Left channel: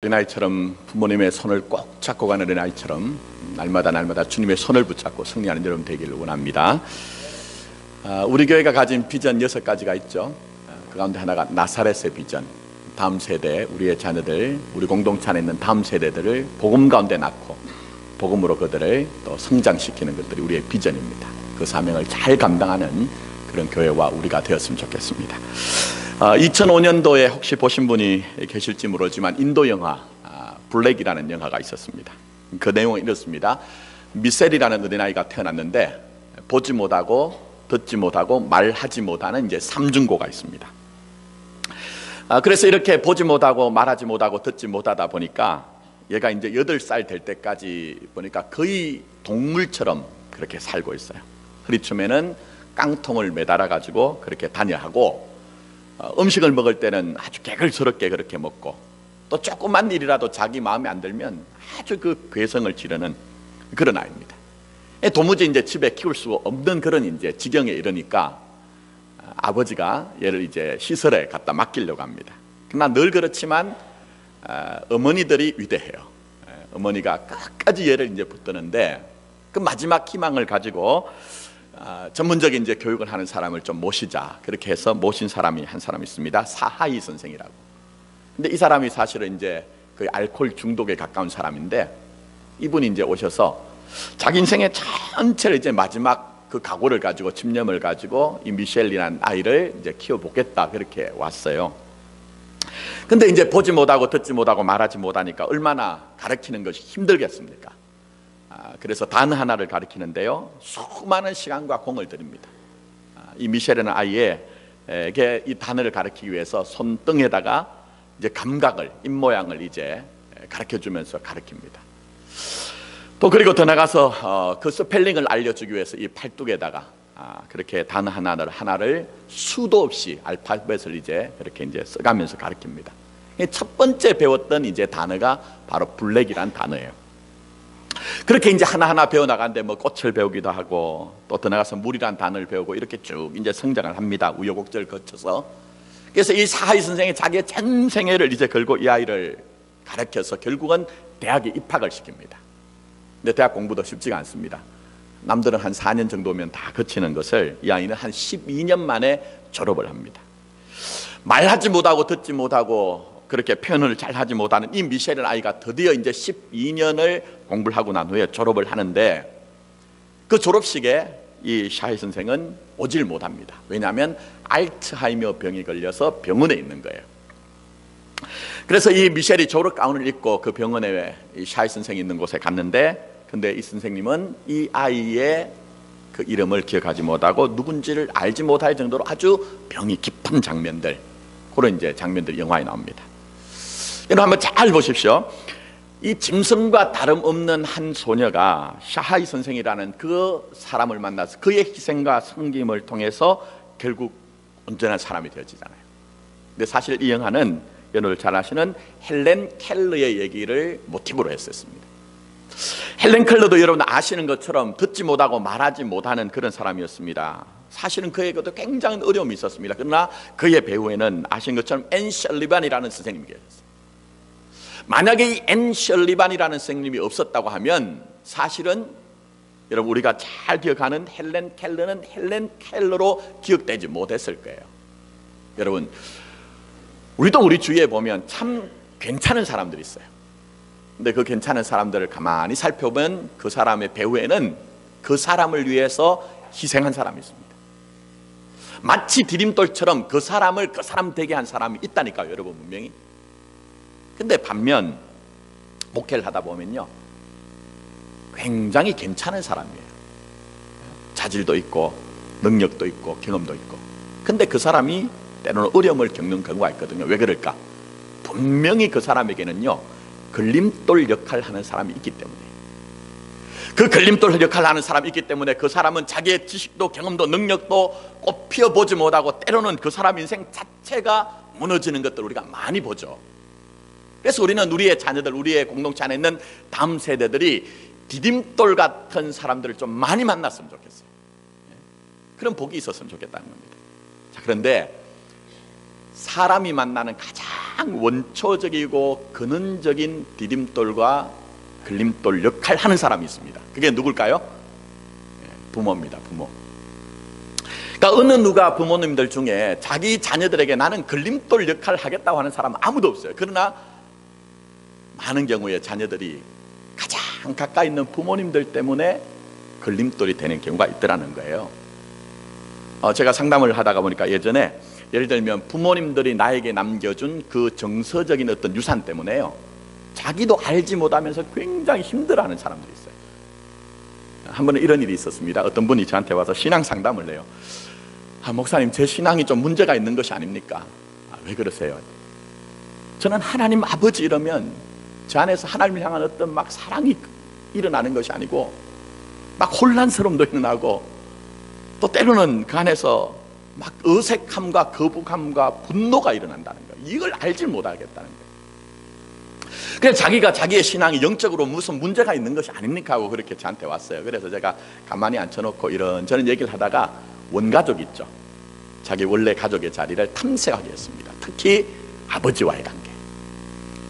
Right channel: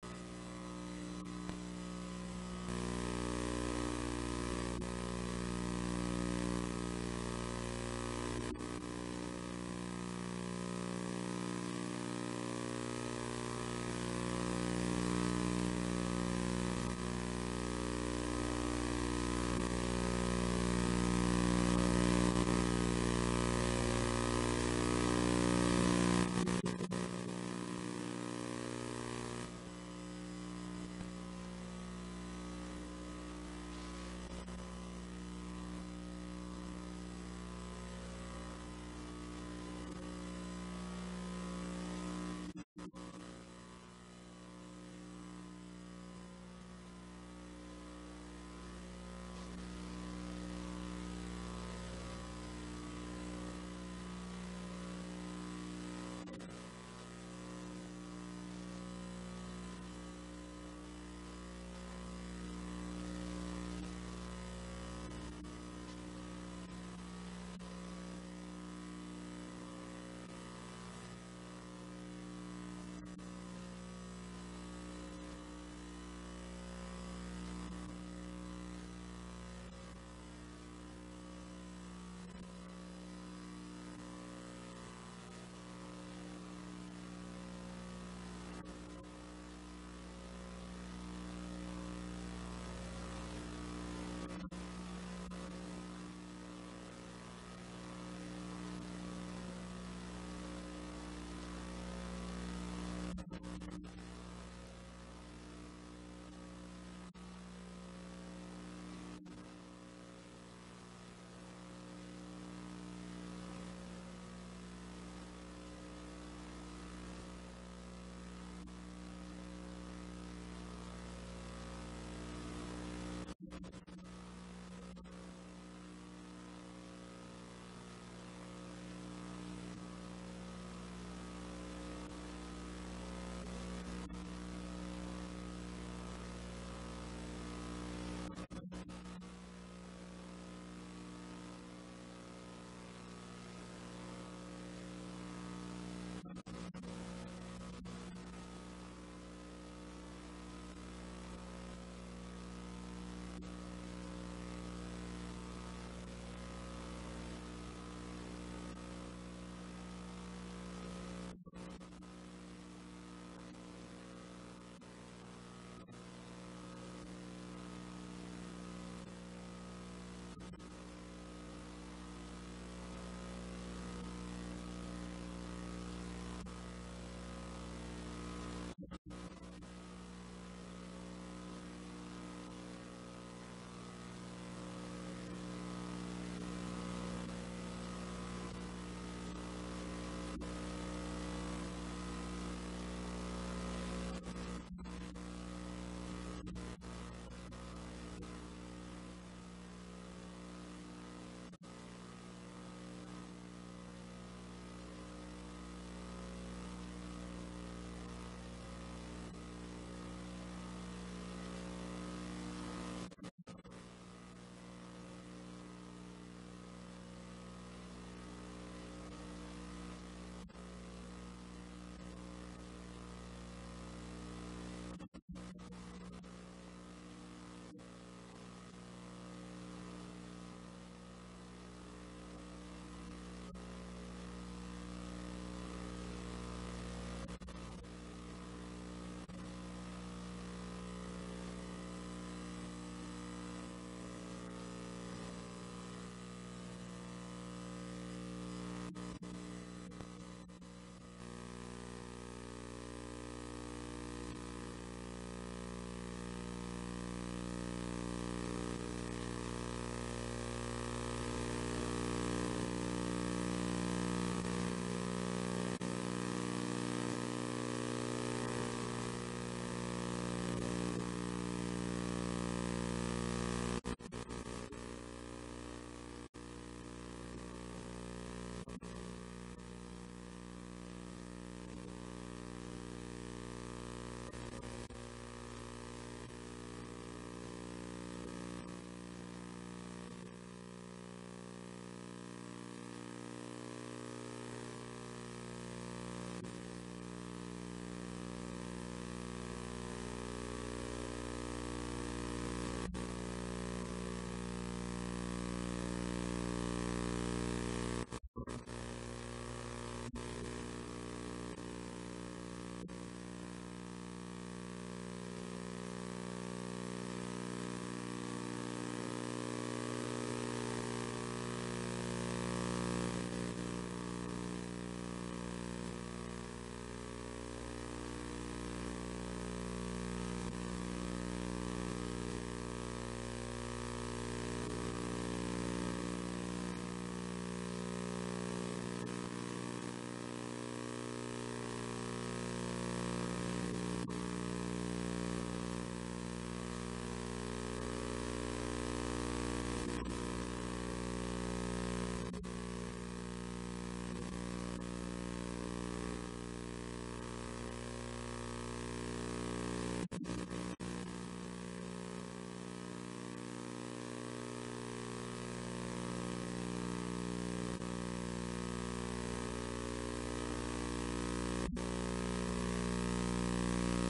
어린아이처럼 부모님의 손을 꼭 잡고 가는 어린아이처럼 날마다 주님의 손을 붙잡고 승리하는 여러분 되기를 원합니다. 우리 교회가 가진 비전 6가지가 있죠. 그 가운데 하나가 나사렛의 비전. 다음 세대, 우리의 자녀들, 우리 공동체 안에 있는 다음 세대들을 복음 가운데 낳고 복음으로 그들을 또 성장시키는 것들이 우리의 비전입니다. 그 사명을 잘 감당하는 그런 교회와 우리가 되었으면 좋겠습니다. 2005년도에 혹시 보신 분이 계실지 모르지만 인도 영화 블랙이라는 영화가 있었습니다. 그 내용은 이렇습니다. 미셀이라는 어린아이가 태어났는데 보지 못하고 듣지 못하고 말하지 못하는 이제 삼중고가 있습니다. 그래서 이렇게 보지 못하고 말하지 못하고 듣지 못하다 보니까 얘가 이제 8살 될 때까지 보니까 거의 동물처럼 그렇게 살고 있어요. 허리춤에는 깡통을 매달아 가지고 그렇게 다녀하고 음식을 먹을 때는 아주 개걸스럽게 그렇게 먹고 또 조그만 일이라도 자기 마음에 안 들면 아주 그 괴성을 지르는 그런 아이입니다. 도무지 이제 집에 키울 수 없는 그런 이제 지경에 이르니까 아버지가 얘를 이제 시설에 갖다 맡기려고 합니다. 그러나 늘 그렇지만 어머니들이 위대해요. 어머니가 끝까지 얘를 이제 붙드는데 그 마지막 희망을 가지고 전문적인 이제 교육을 하는 사람을 좀 모시자 그렇게 해서 모신 사람이 한 사람 있습니다. 사하이 선생이라고. 근데 이 사람이 사실은 이제 거의 알코올 중독에 가까운 사람인데 이분이 이제 오셔서 자기 인생의 전체를 이제 마지막 그 각오를 가지고 집념을 가지고 이 미셸이라는 아이를 이제 키워보겠다 그렇게 왔어요. 근데 이제 보지 못하고 듣지 못하고 말하지 못하니까 얼마나 가르치는 것이 힘들겠습니까? 그래서 단 하나를 가르치는데요, 수많은 시간과 공을 들입니다. 이 미셸이라는 아이에게 이 단어를 가르치기 위해서 손등에다가 이제 감각을, 입 모양을 이제 가르쳐주면서 가르칩니다. 또 그리고 더 나가서 그 스펠링을 알려주기 위해서 이 팔뚝에다가 그렇게 단어 하나를 수도 없이 알파벳을 이제 그렇게 이제 써가면서 가르칩니다. 첫 번째 배웠던 이제 단어가 바로 블랙이란 단어예요. 그렇게 이제 하나하나 배워나가는데 뭐 꽃을 배우기도 하고 또 더 나가서 물이란 단어를 배우고 이렇게 쭉 이제 성장을 합니다. 우여곡절을 거쳐서. 그래서 이 사하이 선생이 자기의 전 생애를 이제 걸고 이 아이를 가르쳐서 결국은 대학에 입학을 시킵니다. 근데 대학 공부도 쉽지가 않습니다. 남들은 한 4년 정도면 다 거치는 것을 이 아이는 한 12년 만에 졸업을 합니다. 말하지 못하고 듣지 못하고 그렇게 표현을 잘 하지 못하는 이 미셸이라는 아이가 드디어 이제 12년을 공부를 하고 난 후에 졸업을 하는데 그 졸업식에 이 샤이 선생은 오질 못합니다. 왜냐하면 알츠하이머 병이 걸려서 병원에 있는 거예요. 그래서 이 미셸이 졸업 가운을 입고 그 병원에 이 샤이 선생이 있는 곳에 갔는데 근데 이 선생님은 이 아이의 그 이름을 기억하지 못하고 누군지를 알지 못할 정도로 아주 병이 깊은 장면들, 그런 이제 장면들이 영화에 나옵니다. 여러분 한번 잘 보십시오. 이 짐승과 다름없는 한 소녀가 샤하이 선생이라는 그 사람을 만나서 그의 희생과 섬김을 통해서 결국 온전한 사람이 되어지잖아요. 근데 사실 이 영화는 여러분 잘 아시는 헬렌 켈러의 얘기를 모티브로 했었습니다. 헬렌 켈러도 여러분 아시는 것처럼 듣지 못하고 말하지 못하는 그런 사람이었습니다. 사실은 그에게도 굉장히 어려움이 있었습니다. 그러나 그의 배후에는 아시는 것처럼 앤 셜리반이라는 선생님이 계셨어요. 만약에 이 앤 셜리반이라는 선생님이 없었다고 하면 사실은 여러분 우리가 잘 기억하는 헬렌 켈러는 헬렌 켈러로 기억되지 못했을 거예요. 여러분 우리도 우리 주위에 보면 참 괜찮은 사람들이 있어요. 근데 그 괜찮은 사람들을 가만히 살펴보면 그 사람의 배후에는 그 사람을 위해서 희생한 사람이 있습니다. 마치 디딤돌처럼 그 사람을 그 사람 되게 한 사람이 있다니까요, 여러분 분명히. 근데 반면 목회를 하다 보면요 굉장히 괜찮은 사람이에요. 자질도 있고 능력도 있고 경험도 있고. 근데 그 사람이 때로는 어려움을 겪는 경우가 있거든요. 왜 그럴까? 분명히 그 사람에게는요 걸림돌 역할을 하는 사람이 있기 때문에, 그 걸림돌 역할을 하는 사람이 있기 때문에 그 사람은 자기의 지식도 경험도 능력도 꼭 피워보지 못하고 때로는 그 사람 인생 자체가 무너지는 것들을 우리가 많이 보죠. 그래서 우리는 우리의 자녀들, 우리의 공동체 안에 있는 다음 세대들이 디딤돌 같은 사람들을 좀 많이 만났으면 좋겠어요. 그런 복이 있었으면 좋겠다는 겁니다. 자, 그런데 사람이 만나는 가장 원초적이고 근원적인 디딤돌과 걸림돌 역할을 하는 사람이 있습니다. 그게 누굴까요? 부모입니다. 부모. 그러니까 어느 누가 부모님들 중에 자기 자녀들에게 나는 걸림돌 역할을 하겠다고 하는 사람은 아무도 없어요. 그러나 많은 경우에 자녀들이 가장 가까이 있는 부모님들 때문에 걸림돌이 되는 경우가 있더라는 거예요. 제가 상담을 하다가 보니까 예전에 예를 들면 부모님들이 나에게 남겨준 그 정서적인 어떤 유산 때문에요, 자기도 알지 못하면서 굉장히 힘들어하는 사람들이 있어요. 한 번은 이런 일이 있었습니다. 어떤 분이 저한테 와서 신앙 상담을 해요. 목사님, 제 신앙이 좀 문제가 있는 것이 아닙니까? 왜 그러세요? 저는 하나님 아버지 이러면 제 안에서 하나님을 향한 어떤 막 사랑이 일어나는 것이 아니고 막 혼란스러움도 일어나고 또 때로는 그 안에서 막 어색함과 거부감과 분노가 일어난다는 거예요. 이걸 알지 못하겠다는 거예요. 그래서 자기가 자기의 신앙이 영적으로 무슨 문제가 있는 것이 아닙니까 하고 그렇게 저한테 왔어요. 그래서 제가 가만히 앉혀놓고 이런저런 얘기를 하다가 원가족 있죠, 자기 원래 가족의 자리를 탐색하게 했습니다. 특히 아버지와의 관계,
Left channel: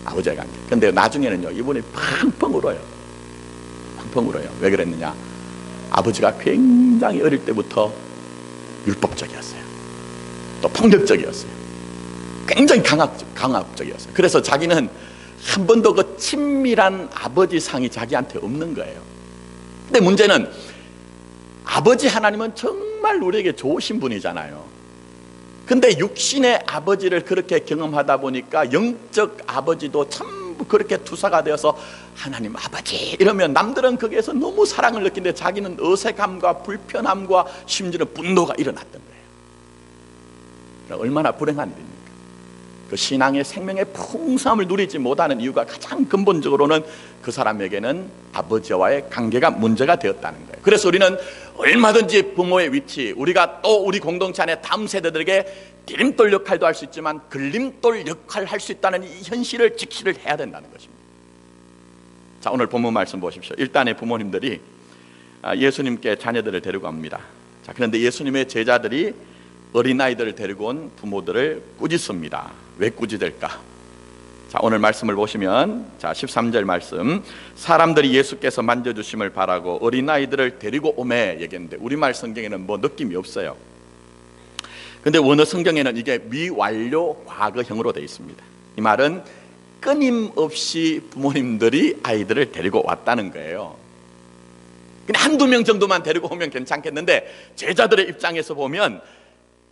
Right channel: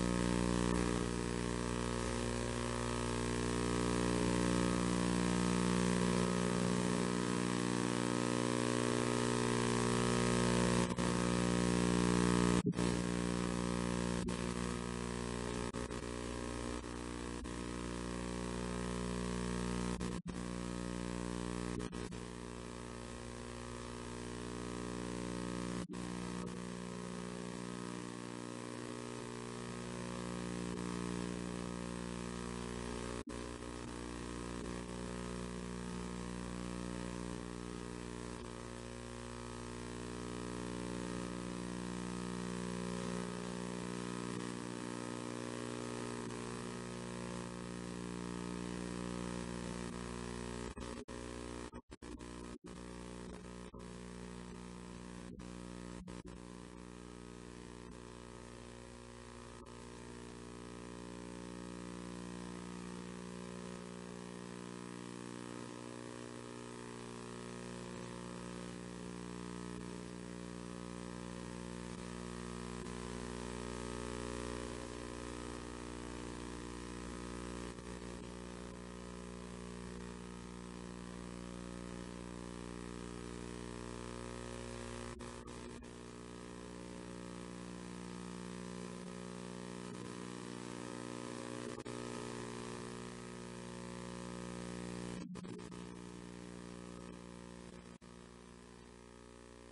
아버지와의 관계. 근데 나중에는요, 이분이 펑펑 울어요. 펑펑 울어요. 왜 그랬느냐, 아버지가 굉장히 어릴 때부터 율법적이었어요. 또 폭력적이었어요. 굉장히 강압적이었어요. 그래서 자기는 한 번도 그 친밀한 아버지 상이 자기한테 없는 거예요. 근데 문제는 아버지 하나님은 정말 우리에게 좋으신 분이잖아요. 근데 육신의 아버지를 그렇게 경험하다 보니까 영적 아버지도 전부 그렇게 투사가 되어서 하나님 아버지 이러면 남들은 거기에서 너무 사랑을 느끼는데 자기는 어색함과 불편함과 심지어는 분노가 일어났던 거예요. 얼마나 불행한 일입니까? 그 신앙의 생명의 풍성함을 누리지 못하는 이유가 가장 근본적으로는 그 사람에게는 아버지와의 관계가 문제가 되었다는 거예요. 그래서 우리는 얼마든지 부모의 위치, 우리가 또 우리 공동체 안에 다음 세대들에게 디딤돌 역할도 할 수 있지만 걸림돌 역할을 할 수 있다는 이 현실을 직시를 해야 된다는 것입니다. 자, 오늘 본문 말씀 보십시오. 일단의 부모님들이 예수님께 자녀들을 데리고 갑니다. 자, 그런데 예수님의 제자들이 어린아이들을 데리고 온 부모들을 꾸짖습니다. 왜 꾸짖을까? 자, 오늘 말씀을 보시면, 자, 13절 말씀, 사람들이 예수께서 만져주심을 바라고 어린아이들을 데리고 오매 얘기했는데 우리말 성경에는 뭐 느낌이 없어요. 근데 원어 성경에는 이게 미완료 과거형으로 되어 있습니다. 이 말은 끊임없이 부모님들이 아이들을 데리고 왔다는 거예요. 근데 한두 명 정도만 데리고 오면 괜찮겠는데 제자들의 입장에서 보면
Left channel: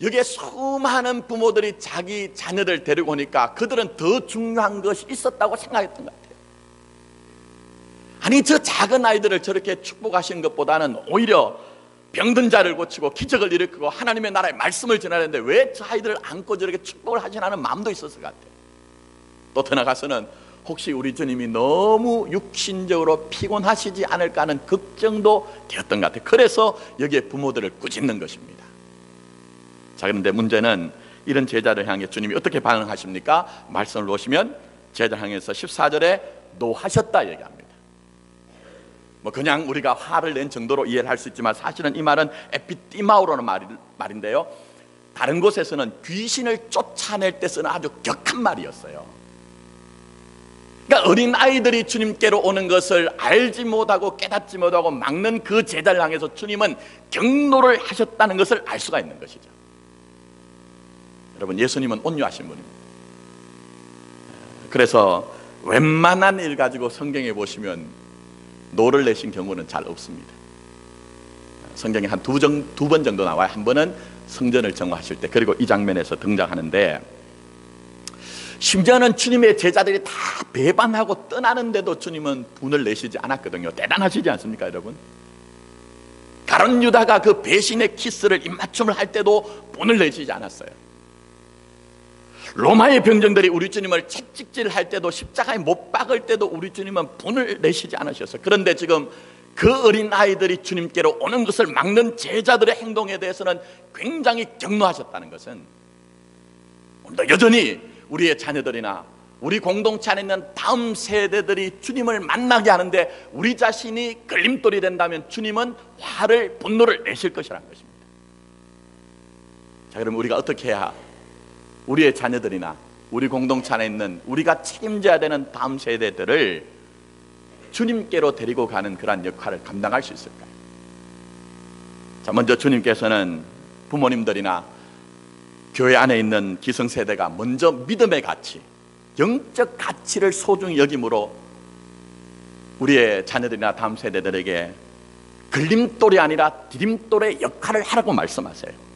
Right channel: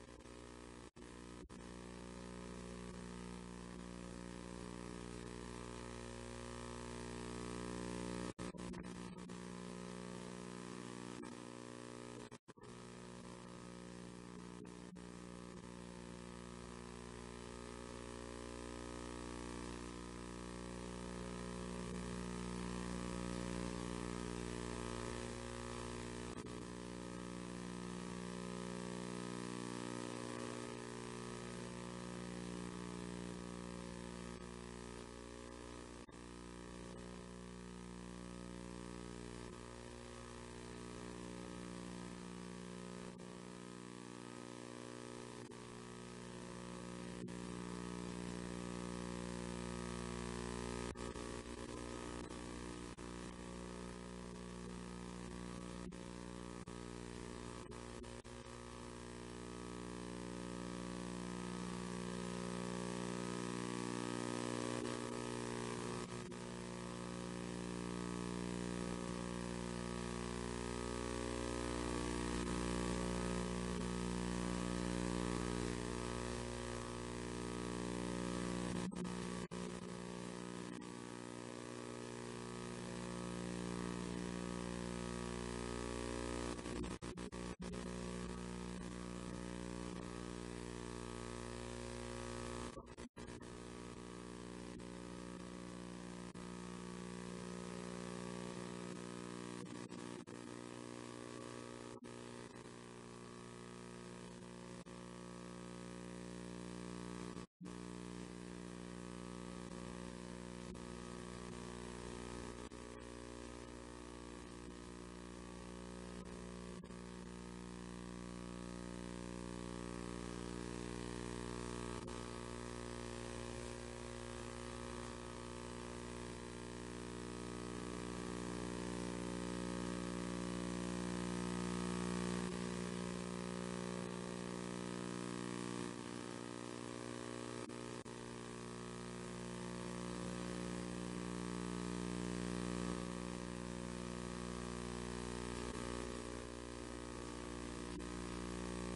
여기에 수많은 부모들이 자기 자녀들 데리고 오니까 그들은 더 중요한 것이 있었다고 생각했던 것 같아요. 아니, 저 작은 아이들을 저렇게 축복하시는 것보다는 오히려 병든 자를 고치고 기적을 일으키고 하나님의 나라의 말씀을 전하는데 왜 저 아이들을 안고 저렇게 축복을 하시나는 마음도 있었을 것 같아요. 또 더 나가서는 혹시 우리 주님이 너무 육신적으로 피곤하시지 않을까 하는 걱정도 되었던 것 같아요. 그래서 여기에 부모들을 꾸짖는 것입니다. 자, 그런데 문제는 이런 제자를 향해 주님이 어떻게 반응하십니까? 말씀을 보시면 제자를 향해서 14절에 노하셨다 얘기합니다. 뭐 그냥 우리가 화를 낸 정도로 이해를 할 수 있지만 사실은 이 말은 에피티마우라는 말인데요, 다른 곳에서는 귀신을 쫓아낼 때 쓰는 아주 격한 말이었어요. 그러니까 어린 아이들이 주님께로 오는 것을 알지 못하고 깨닫지 못하고 막는 그 제자를 향해서 주님은 경노를 하셨다는 것을 알 수가 있는 것이죠. 여러분, 예수님은 온유하신 분입니다. 그래서 웬만한 일 가지고 성경에 보시면 노를 내신 경우는 잘 없습니다. 성경에 한 두 번 정도 나와요. 한 번은 성전을 정화하실 때, 그리고 이 장면에서 등장하는데, 심지어는 주님의 제자들이 다 배반하고 떠나는데도 주님은 분을 내시지 않았거든요. 대단하시지 않습니까, 여러분? 가룟 유다가 그 배신의 키스를 입맞춤을 할 때도 분을 내시지 않았어요. 로마의 병정들이 우리 주님을 채찍질할 때도, 십자가에 못 박을 때도 우리 주님은 분을 내시지 않으셨어요. 그런데 지금 그 어린 아이들이 주님께로 오는 것을 막는 제자들의 행동에 대해서는 굉장히 경노하셨다는 것은, 여전히 우리의 자녀들이나 우리 공동체 안에 있는 다음 세대들이 주님을 만나게 하는데 우리 자신이 걸림돌이 된다면 주님은 화를, 분노를 내실 것이라는 것입니다. 자, 그럼 우리가 어떻게 해야 우리의 자녀들이나 우리 공동체 안에 있는 우리가 책임져야 되는 다음 세대들을 주님께로 데리고 가는 그러한 역할을 감당할 수 있을까? 자, 먼저 주님께서는 부모님들이나 교회 안에 있는 기성세대가 먼저 믿음의 가치, 영적 가치를 소중히 여김으로 우리의 자녀들이나 다음 세대들에게 걸림돌이 아니라 디딤돌의 역할을 하라고 말씀하세요.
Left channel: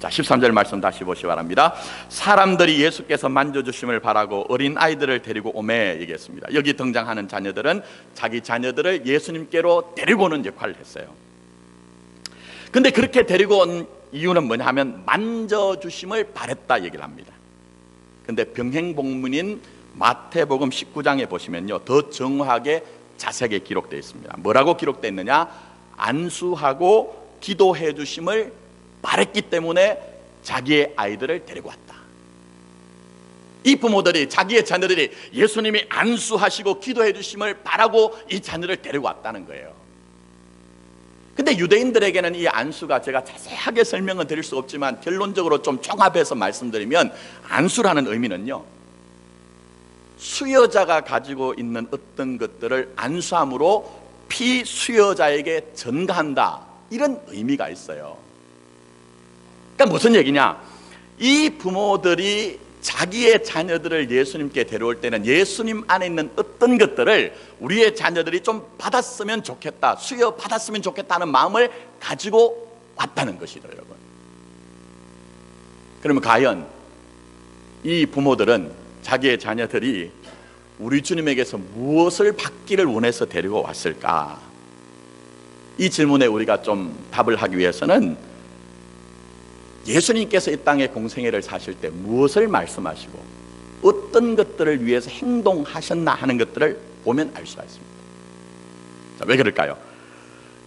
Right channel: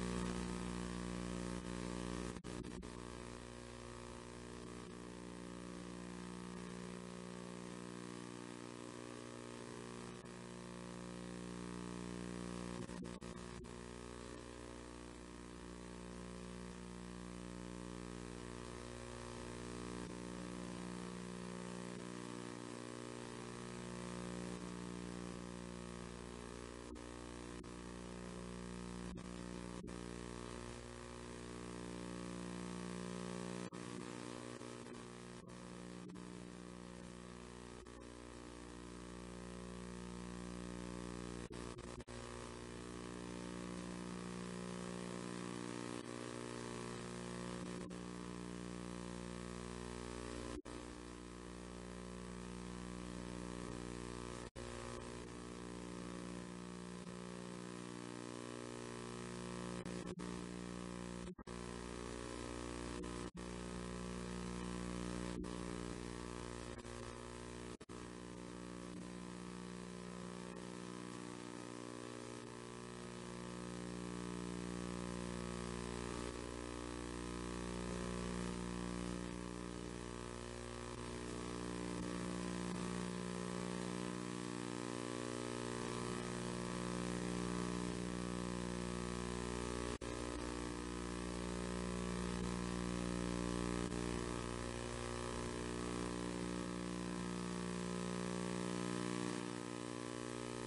자, 13절 말씀 다시 보시기 바랍니다. 사람들이 예수께서 만져주심을 바라고 어린 아이들을 데리고 오매 얘기했습니다. 여기 등장하는 자녀들은 자기 자녀들을 예수님께로 데리고 오는 역할을 했어요. 근데 그렇게 데리고 온 이유는 뭐냐 하면 만져주심을 바랬다 얘기를 합니다. 근데 병행복문인 마태복음 19장에 보시면요, 더 정확하게 자세하게 기록되어 있습니다. 뭐라고 기록되어 있느냐? 안수하고 기도해 주심을 바랬기 때문에 자기의 아이들을 데리고 왔다. 이 부모들이 자기의 자녀들이 예수님이 안수하시고 기도해 주심을 바라고 이 자녀를 데리고 왔다는 거예요. 근데 유대인들에게는 이 안수가, 제가 자세하게 설명은 드릴 수 없지만 결론적으로 좀 종합해서 말씀드리면, 안수라는 의미는요, 수여자가 가지고 있는 어떤 것들을 안수함으로 피수여자에게 전가한다, 이런 의미가 있어요. 그러니까 무슨 얘기냐? 이 부모들이 자기의 자녀들을 예수님께 데려올 때는 예수님 안에 있는 어떤 것들을 우리의 자녀들이 좀 받았으면 좋겠다, 수여 받았으면 좋겠다는 마음을 가지고 왔다는 것이죠, 여러분. 그러면 과연 이 부모들은 자기의 자녀들이 우리 주님에게서 무엇을 받기를 원해서 데리고 왔을까? 이 질문에 우리가 좀 답을 하기 위해서는 예수님께서 이 땅에 공생애를 사실 때 무엇을 말씀하시고 어떤 것들을 위해서 행동하셨나 하는 것들을 보면 알 수가 있습니다. 자, 왜 그럴까요?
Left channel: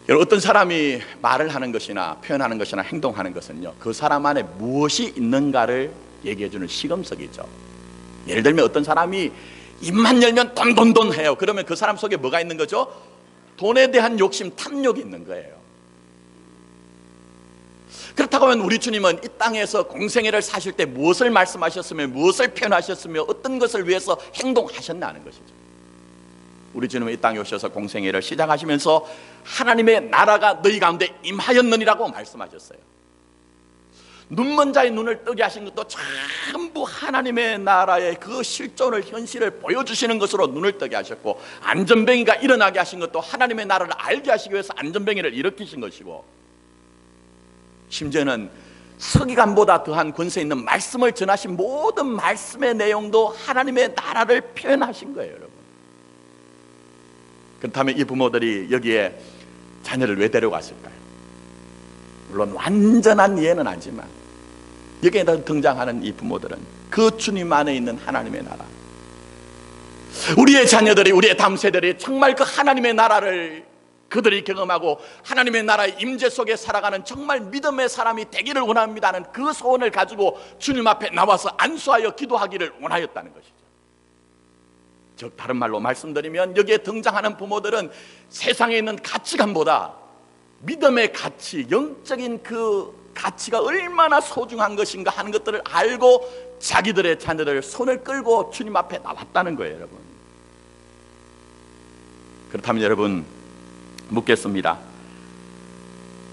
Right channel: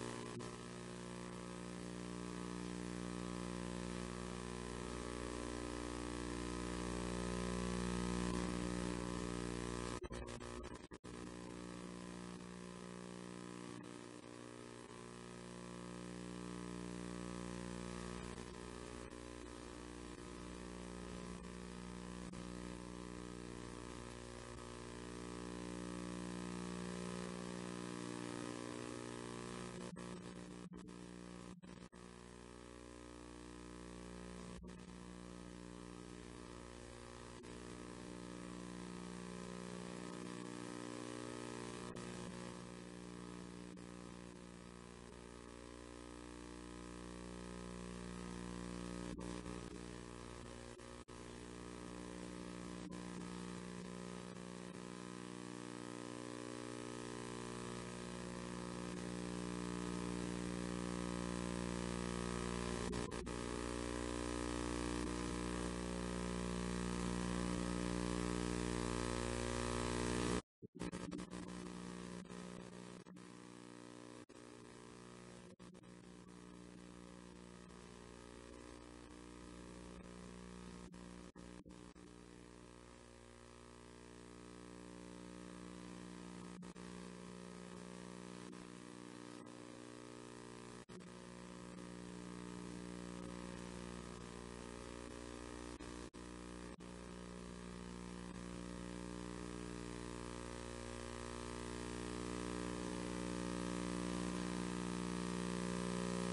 여러분, 어떤 사람이 말을 하는 것이나 표현하는 것이나 행동하는 것은요, 그 사람 안에 무엇이 있는가를 얘기해주는 시금석이죠. 예를 들면 어떤 사람이 입만 열면 돈 해요. 그러면 그 사람 속에 뭐가 있는 거죠? 돈에 대한 욕심, 탐욕이 있는 거예요. 그렇다고 하면 우리 주님은 이 땅에서 공생애를 사실 때 무엇을 말씀하셨으며 무엇을 표현하셨으며 어떤 것을 위해서 행동하셨나 하는 것이죠. 우리 주님은 이 땅에 오셔서 공생애를 시작하시면서 하나님의 나라가 너희 가운데 임하였느니라고 말씀하셨어요. 눈먼 자의 눈을 뜨게 하신 것도 전부 하나님의 나라의 그 실존을, 현실을 보여주시는 것으로 눈을 뜨게 하셨고, 안전뱅이가 일어나게 하신 것도 하나님의 나라를 알게 하시기 위해서 안전뱅이를 일으키신 것이고, 심지어는 서기관보다 더한 권세 있는 말씀을 전하신 모든 말씀의 내용도 하나님의 나라를 표현하신 거예요, 여러분. 그렇다면 이 부모들이 여기에 자녀를 왜 데려왔을까요? 물론 완전한 이해는 아니지만 여기에 등장하는 이 부모들은 그 주님 안에 있는 하나님의 나라, 우리의 자녀들이, 우리의 다음 세대들이 정말 그 하나님의 나라를 그들이 경험하고 하나님의 나라의 임재 속에 살아가는 정말 믿음의 사람이 되기를 원합니다는 그 소원을 가지고 주님 앞에 나와서 안수하여 기도하기를 원하였다는 것이죠. 즉 다른 말로 말씀드리면 여기에 등장하는 부모들은 세상에 있는 가치관보다 믿음의 가치, 영적인 그 가치가 얼마나 소중한 것인가 하는 것들을 알고 자기들의 자녀들 손을 끌고 주님 앞에 나왔다는 거예요, 여러분. 그렇다면 여러분, 묻겠습니다.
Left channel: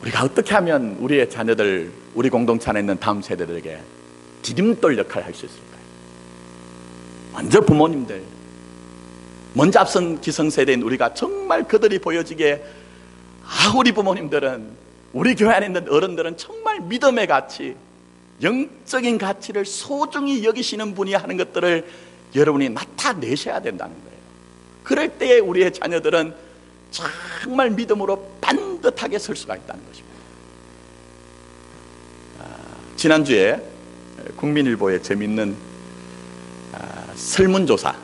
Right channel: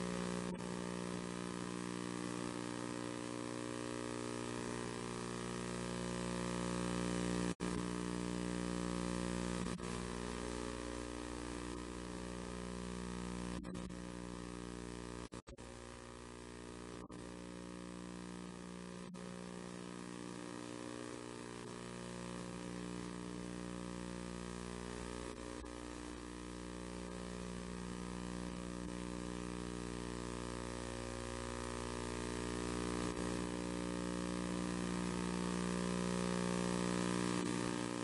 우리가 어떻게 하면 우리의 자녀들, 우리 공동체 안에 있는 다음 세대들에게 디딤돌 역할을 할 수 있을까요? 먼저 부모님들, 먼저 앞선 기성세대인 우리가 정말 그들이 보여지기에, 우리 부모님들은, 우리 교회 안에 있는 어른들은 정말 믿음의 가치, 영적인 가치를 소중히 여기시는 분이 하는 것들을 여러분이 나타내셔야 된다는 거예요. 그럴 때에 우리의 자녀들은 정말 믿음으로 반듯하게 설 수가 있다는 것입니다. 지난주에 국민일보에 재미있는 설문조사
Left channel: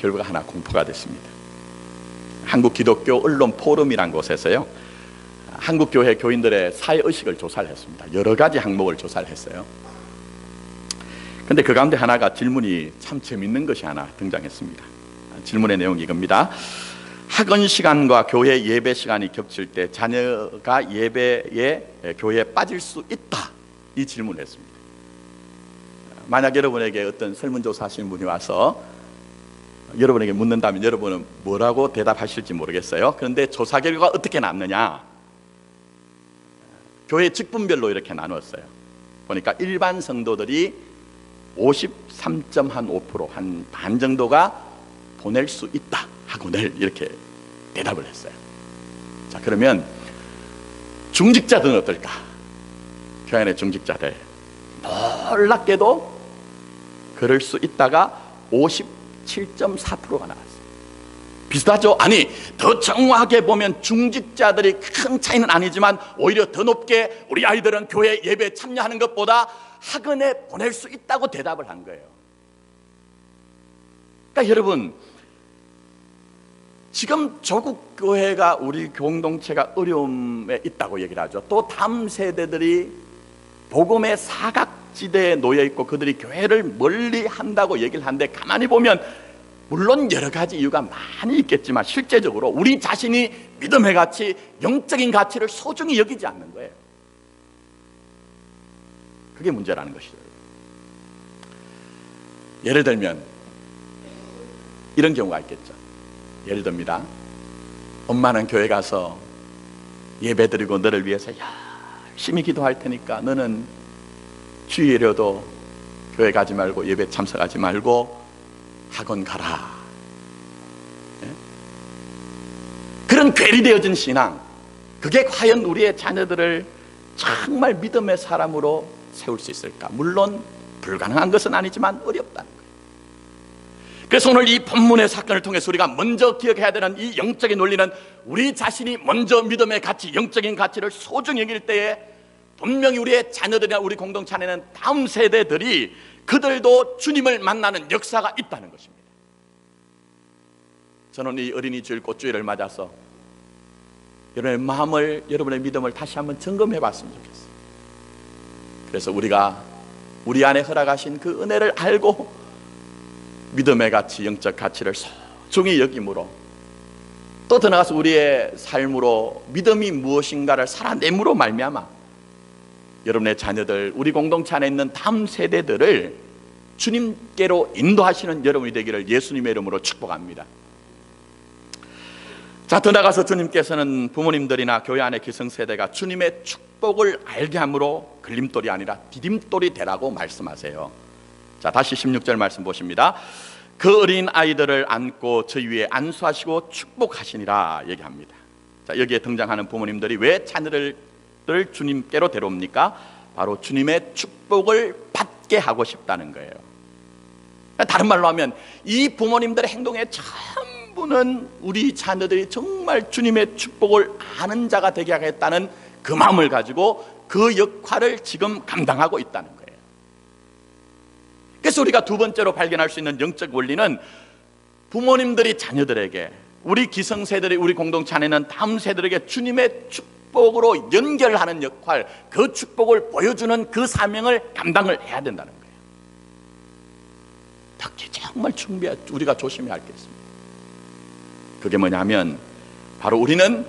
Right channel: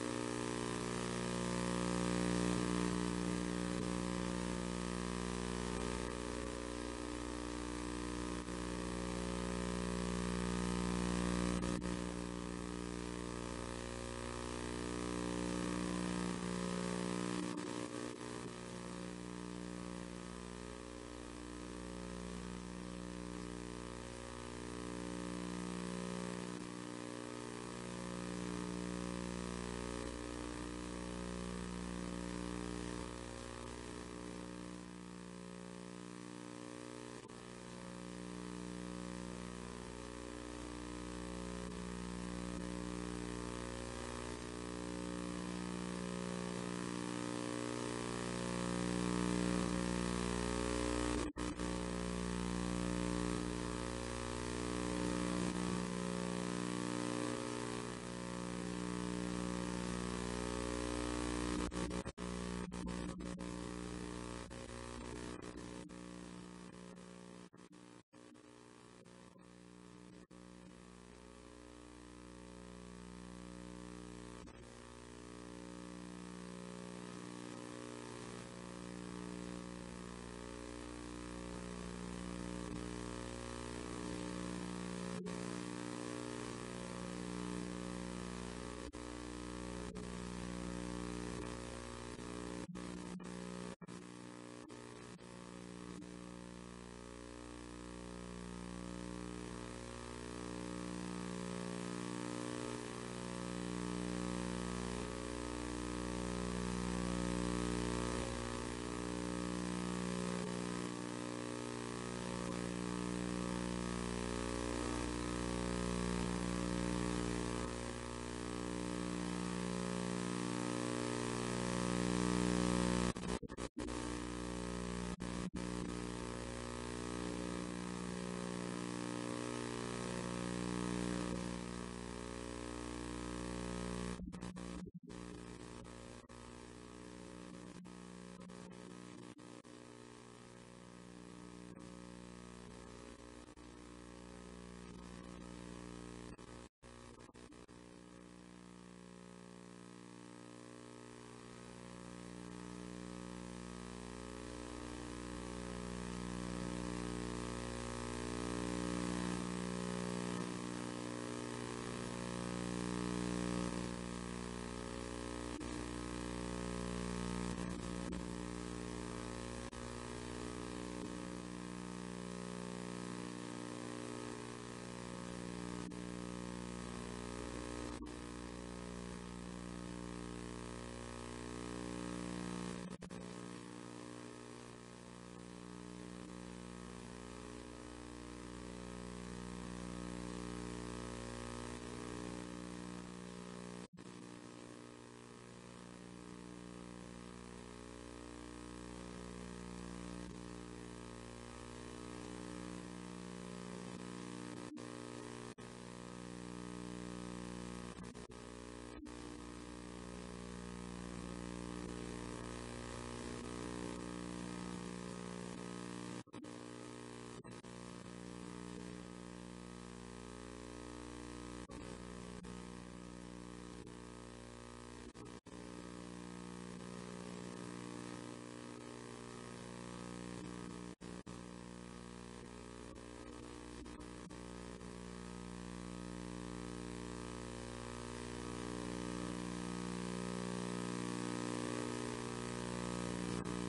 결과가 하나 공포가 됐습니다. 한국기독교 언론 포럼이란 곳에서요, 한국교회 교인들의 사회의식을 조사를 했습니다. 여러 가지 항목을 조사를 했어요. 근데 그 가운데 하나가, 질문이 참 재미있는 것이 하나 등장했습니다. 질문의 내용이 이겁니다. 학원 시간과 교회 예배 시간이 겹칠 때 자녀가 예배에, 교회에 빠질 수 있다, 이 질문을 했습니다. 만약 여러분에게 어떤 설문조사 하시는 분이 와서 여러분에게 묻는다면 여러분은 뭐라고 대답하실지 모르겠어요. 그런데 조사 결과가 어떻게 났느냐, 교회 직분별로 이렇게 나눴어요. 보니까 일반 성도들이 53.5%, 한 반 정도가 보낼 수 있다 하고늘 이렇게 대답을 했어요. 자, 그러면 중직자들은 어떨까? 교회 안의 중직자들, 놀랍게도 그럴 수 있다가 57.4%가 나왔어요. 비슷하죠? 아니, 더 정확하게 보면 중직자들이 큰 차이는 아니지만 오히려 더 높게 우리 아이들은 교회 예배에 참여하는 것보다 학원에 보낼 수 있다고 대답을 한 거예요. 그러니까 여러분, 지금 조국 교회가, 우리 공동체가 어려움에 있다고 얘기를 하죠. 또 다음 세대들이 복음의 사각지대에 놓여 있고 그들이 교회를 멀리 한다고 얘기를 하는데, 가만히 보면 물론 여러 가지 이유가 많이 있겠지만 실제적으로 우리 자신이 믿음의 가치, 영적인 가치를 소중히 여기지 않는 거예요. 그게 문제라는 것이죠. 예를 들면 이런 경우가 있겠죠. 예를 듭니다. 엄마는 교회 가서 예배 드리고 너를 위해서 열심히 기도할 테니까 너는 주일에도 교회 가지 말고 예배 참석하지 말고 학원 가라. 그런 괴리되어진 신앙, 그게 과연 우리의 자녀들을 정말 믿음의 사람으로 세울 수 있을까? 물론 불가능한 것은 아니지만 어렵다는 거예요. 그래서 오늘 이 본문의 사건을 통해서 우리가 먼저 기억해야 되는 이 영적인 논리는, 우리 자신이 먼저 믿음의 가치, 영적인 가치를 소중히 여길 때에 분명히 우리의 자녀들이나 우리 공동체 안에는 다음 세대들이 그들도 주님을 만나는 역사가 있다는 것입니다. 저는 이 어린이 주일 꽃주일을 맞아서 여러분의 마음을, 여러분의 믿음을 다시 한번 점검해 봤으면 좋겠어요. 그래서 우리가 우리 안에 허락하신 그 은혜를 알고 믿음의 가치, 영적 가치를 소중히 여김으로, 또 더 나아가서 우리의 삶으로 믿음이 무엇인가를 살아냄으로 말미암아 여러분의 자녀들, 우리 공동체 안에 있는 다음 세대들을 주님께로 인도하시는 여러분이 되기를 예수님의 이름으로 축복합니다. 자, 더 나아가서 주님께서는 부모님들이나 교회 안의 기성세대가 주님의 축복을 알게 함으로 걸림돌이 아니라 디딤돌이 되라고 말씀하세요. 자, 다시 16절 말씀 보십니다. 그 어린 아이들을 안고 저희 위에 안수하시고 축복하시니라 얘기합니다. 자, 여기에 등장하는 부모님들이 왜 자녀를 주님께로 데려옵니까? 바로 주님의 축복을 받게 하고 싶다는 거예요. 다른 말로 하면 이 부모님들의 행동의 전부는 우리 자녀들이 정말 주님의 축복을 아는 자가 되게 하겠다는 그 마음을 가지고 그 역할을 지금 감당하고 있다는 거예요. 그래서 우리가 두 번째로 발견할 수 있는 영적 원리는, 부모님들이 자녀들에게, 우리 기성세대들이 우리 공동체 안에는 다음 세대들에게 주님의 축복으로 연결하는 역할, 그 축복을 보여주는 그 사명을 감당을 해야 된다는 거예요. 특히 정말 우리가 조심해야 할 게 있습니다. 그게 뭐냐면 바로 우리는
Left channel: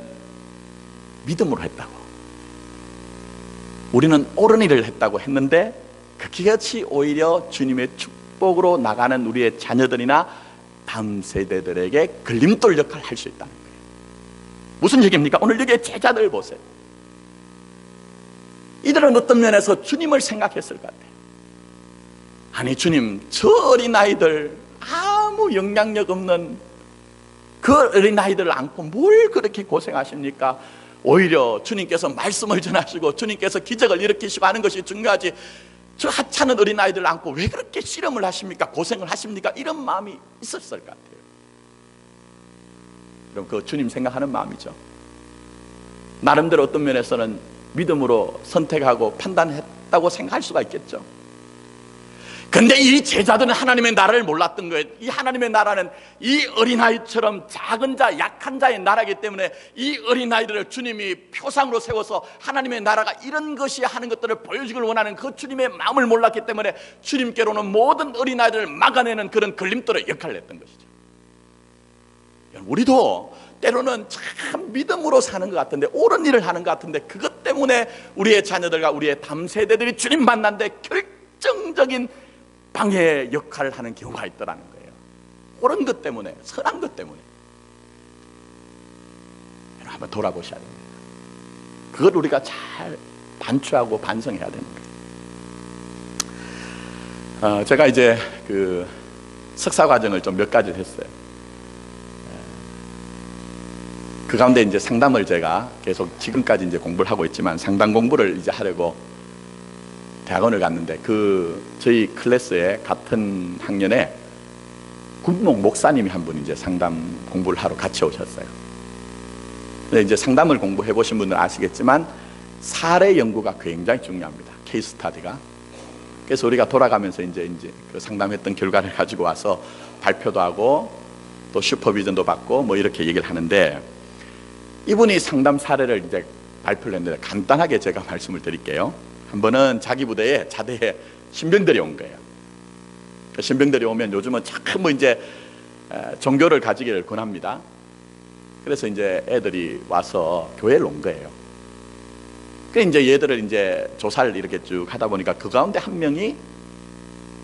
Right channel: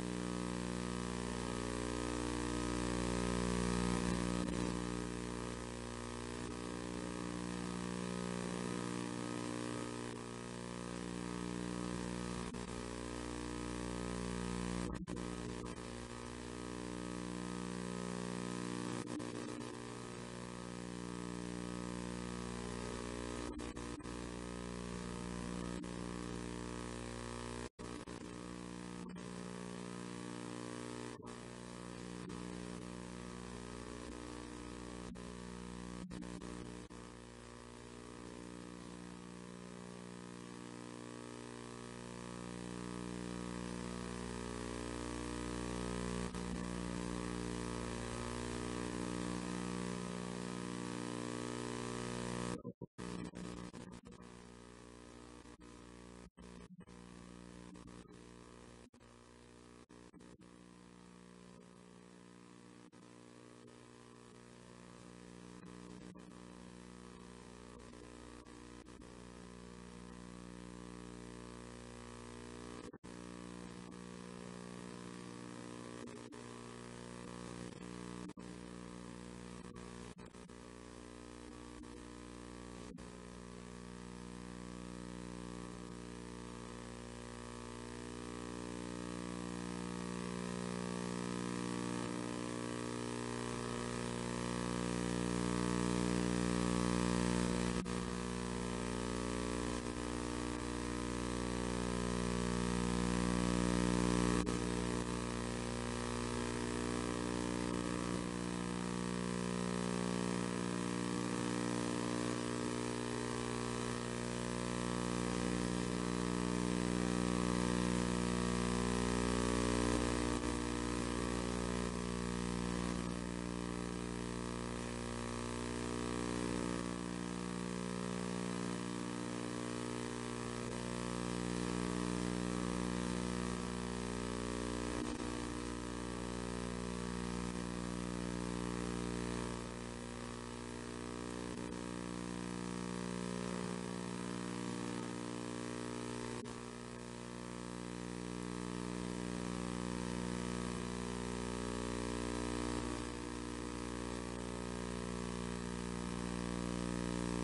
믿음으로 했다고, 우리는 옳은 일을 했다고 했는데 그것이 오히려 주님의 축복으로 나가는 우리의 자녀들이나 다음 세대들에게 걸림돌 역할을 할 수 있다. 무슨 얘기입니까? 오늘 여기에 제자들 보세요. 이들은 어떤 면에서 주님을 생각했을 것 같아요. 아니 주님, 저 어린아이들, 아무 영향력 없는 그 어린아이들을 안고 뭘 그렇게 고생하십니까? 오히려 주님께서 말씀을 전하시고 주님께서 기적을 일으키시고 하는 것이 중요하지, 저 하찮은 어린아이들을 안고 왜 그렇게 씨름을 하십니까? 고생을 하십니까? 이런 마음이 있었을 것 같아요. 그럼 그 주님 생각하는 마음이죠. 나름대로 어떤 면에서는 믿음으로 선택하고 판단했다고 생각할 수가 있겠죠. 근데 이 제자들은 하나님의 나라를 몰랐던 거예요. 이 하나님의 나라는 이 어린아이처럼 작은 자, 약한 자의 나라이기 때문에 이 어린아이들을 주님이 표상으로 세워서 하나님의 나라가 이런 것이 하는 것들을 보여주길 원하는 그 주님의 마음을 몰랐기 때문에 주님께로는 모든 어린아이들을 막아내는 그런 걸림돌의 역할을 했던 것이죠. 우리도 때로는 참 믿음으로 사는 것 같은데, 옳은 일을 하는 것 같은데, 그것 때문에 우리의 자녀들과 우리의 다음 세대들이 주님 만난데 결정적인 방해 역할을 하는 경우가 있더라는 거예요. 옳은 것 때문에, 선한 것 때문에. 한번 돌아보셔야 됩니다. 그걸 우리가 잘 반추하고 반성해야 됩니다. 제가 이제 그 석사 과정을 좀 몇 가지 했어요. 그 가운데 이제 상담을 제가 계속 지금까지 이제 공부를 하고 있지만 상담 공부를 이제 하려고 대학원을 갔는데 저희 클래스에 같은 학년에 군목 목사님이 한 분 이제 상담 공부를 하러 같이 오셨어요. 근데 이제 상담을 공부해 보신 분들은 아시겠지만 사례 연구가 굉장히 중요합니다. 케이스 스타디가. 그래서 우리가 돌아가면서 이제 그 상담했던 결과를 가지고 와서 발표도 하고 또 슈퍼비전도 받고 뭐 이렇게 얘기를 하는데, 이분이 상담 사례를 이제 발표를 했는데 간단하게 제가 말씀을 드릴게요. 한 번은 자기 부대에 자대에 신병들이 온 거예요. 그 신병들이 오면 요즘은 자꾸 뭐 이제 종교를 가지기를 권합니다. 그래서 이제 애들이 와서 교회를 온 거예요. 그 이제 얘들을 이제 조사를 이렇게 쭉 하다 보니까 그 가운데 한 명이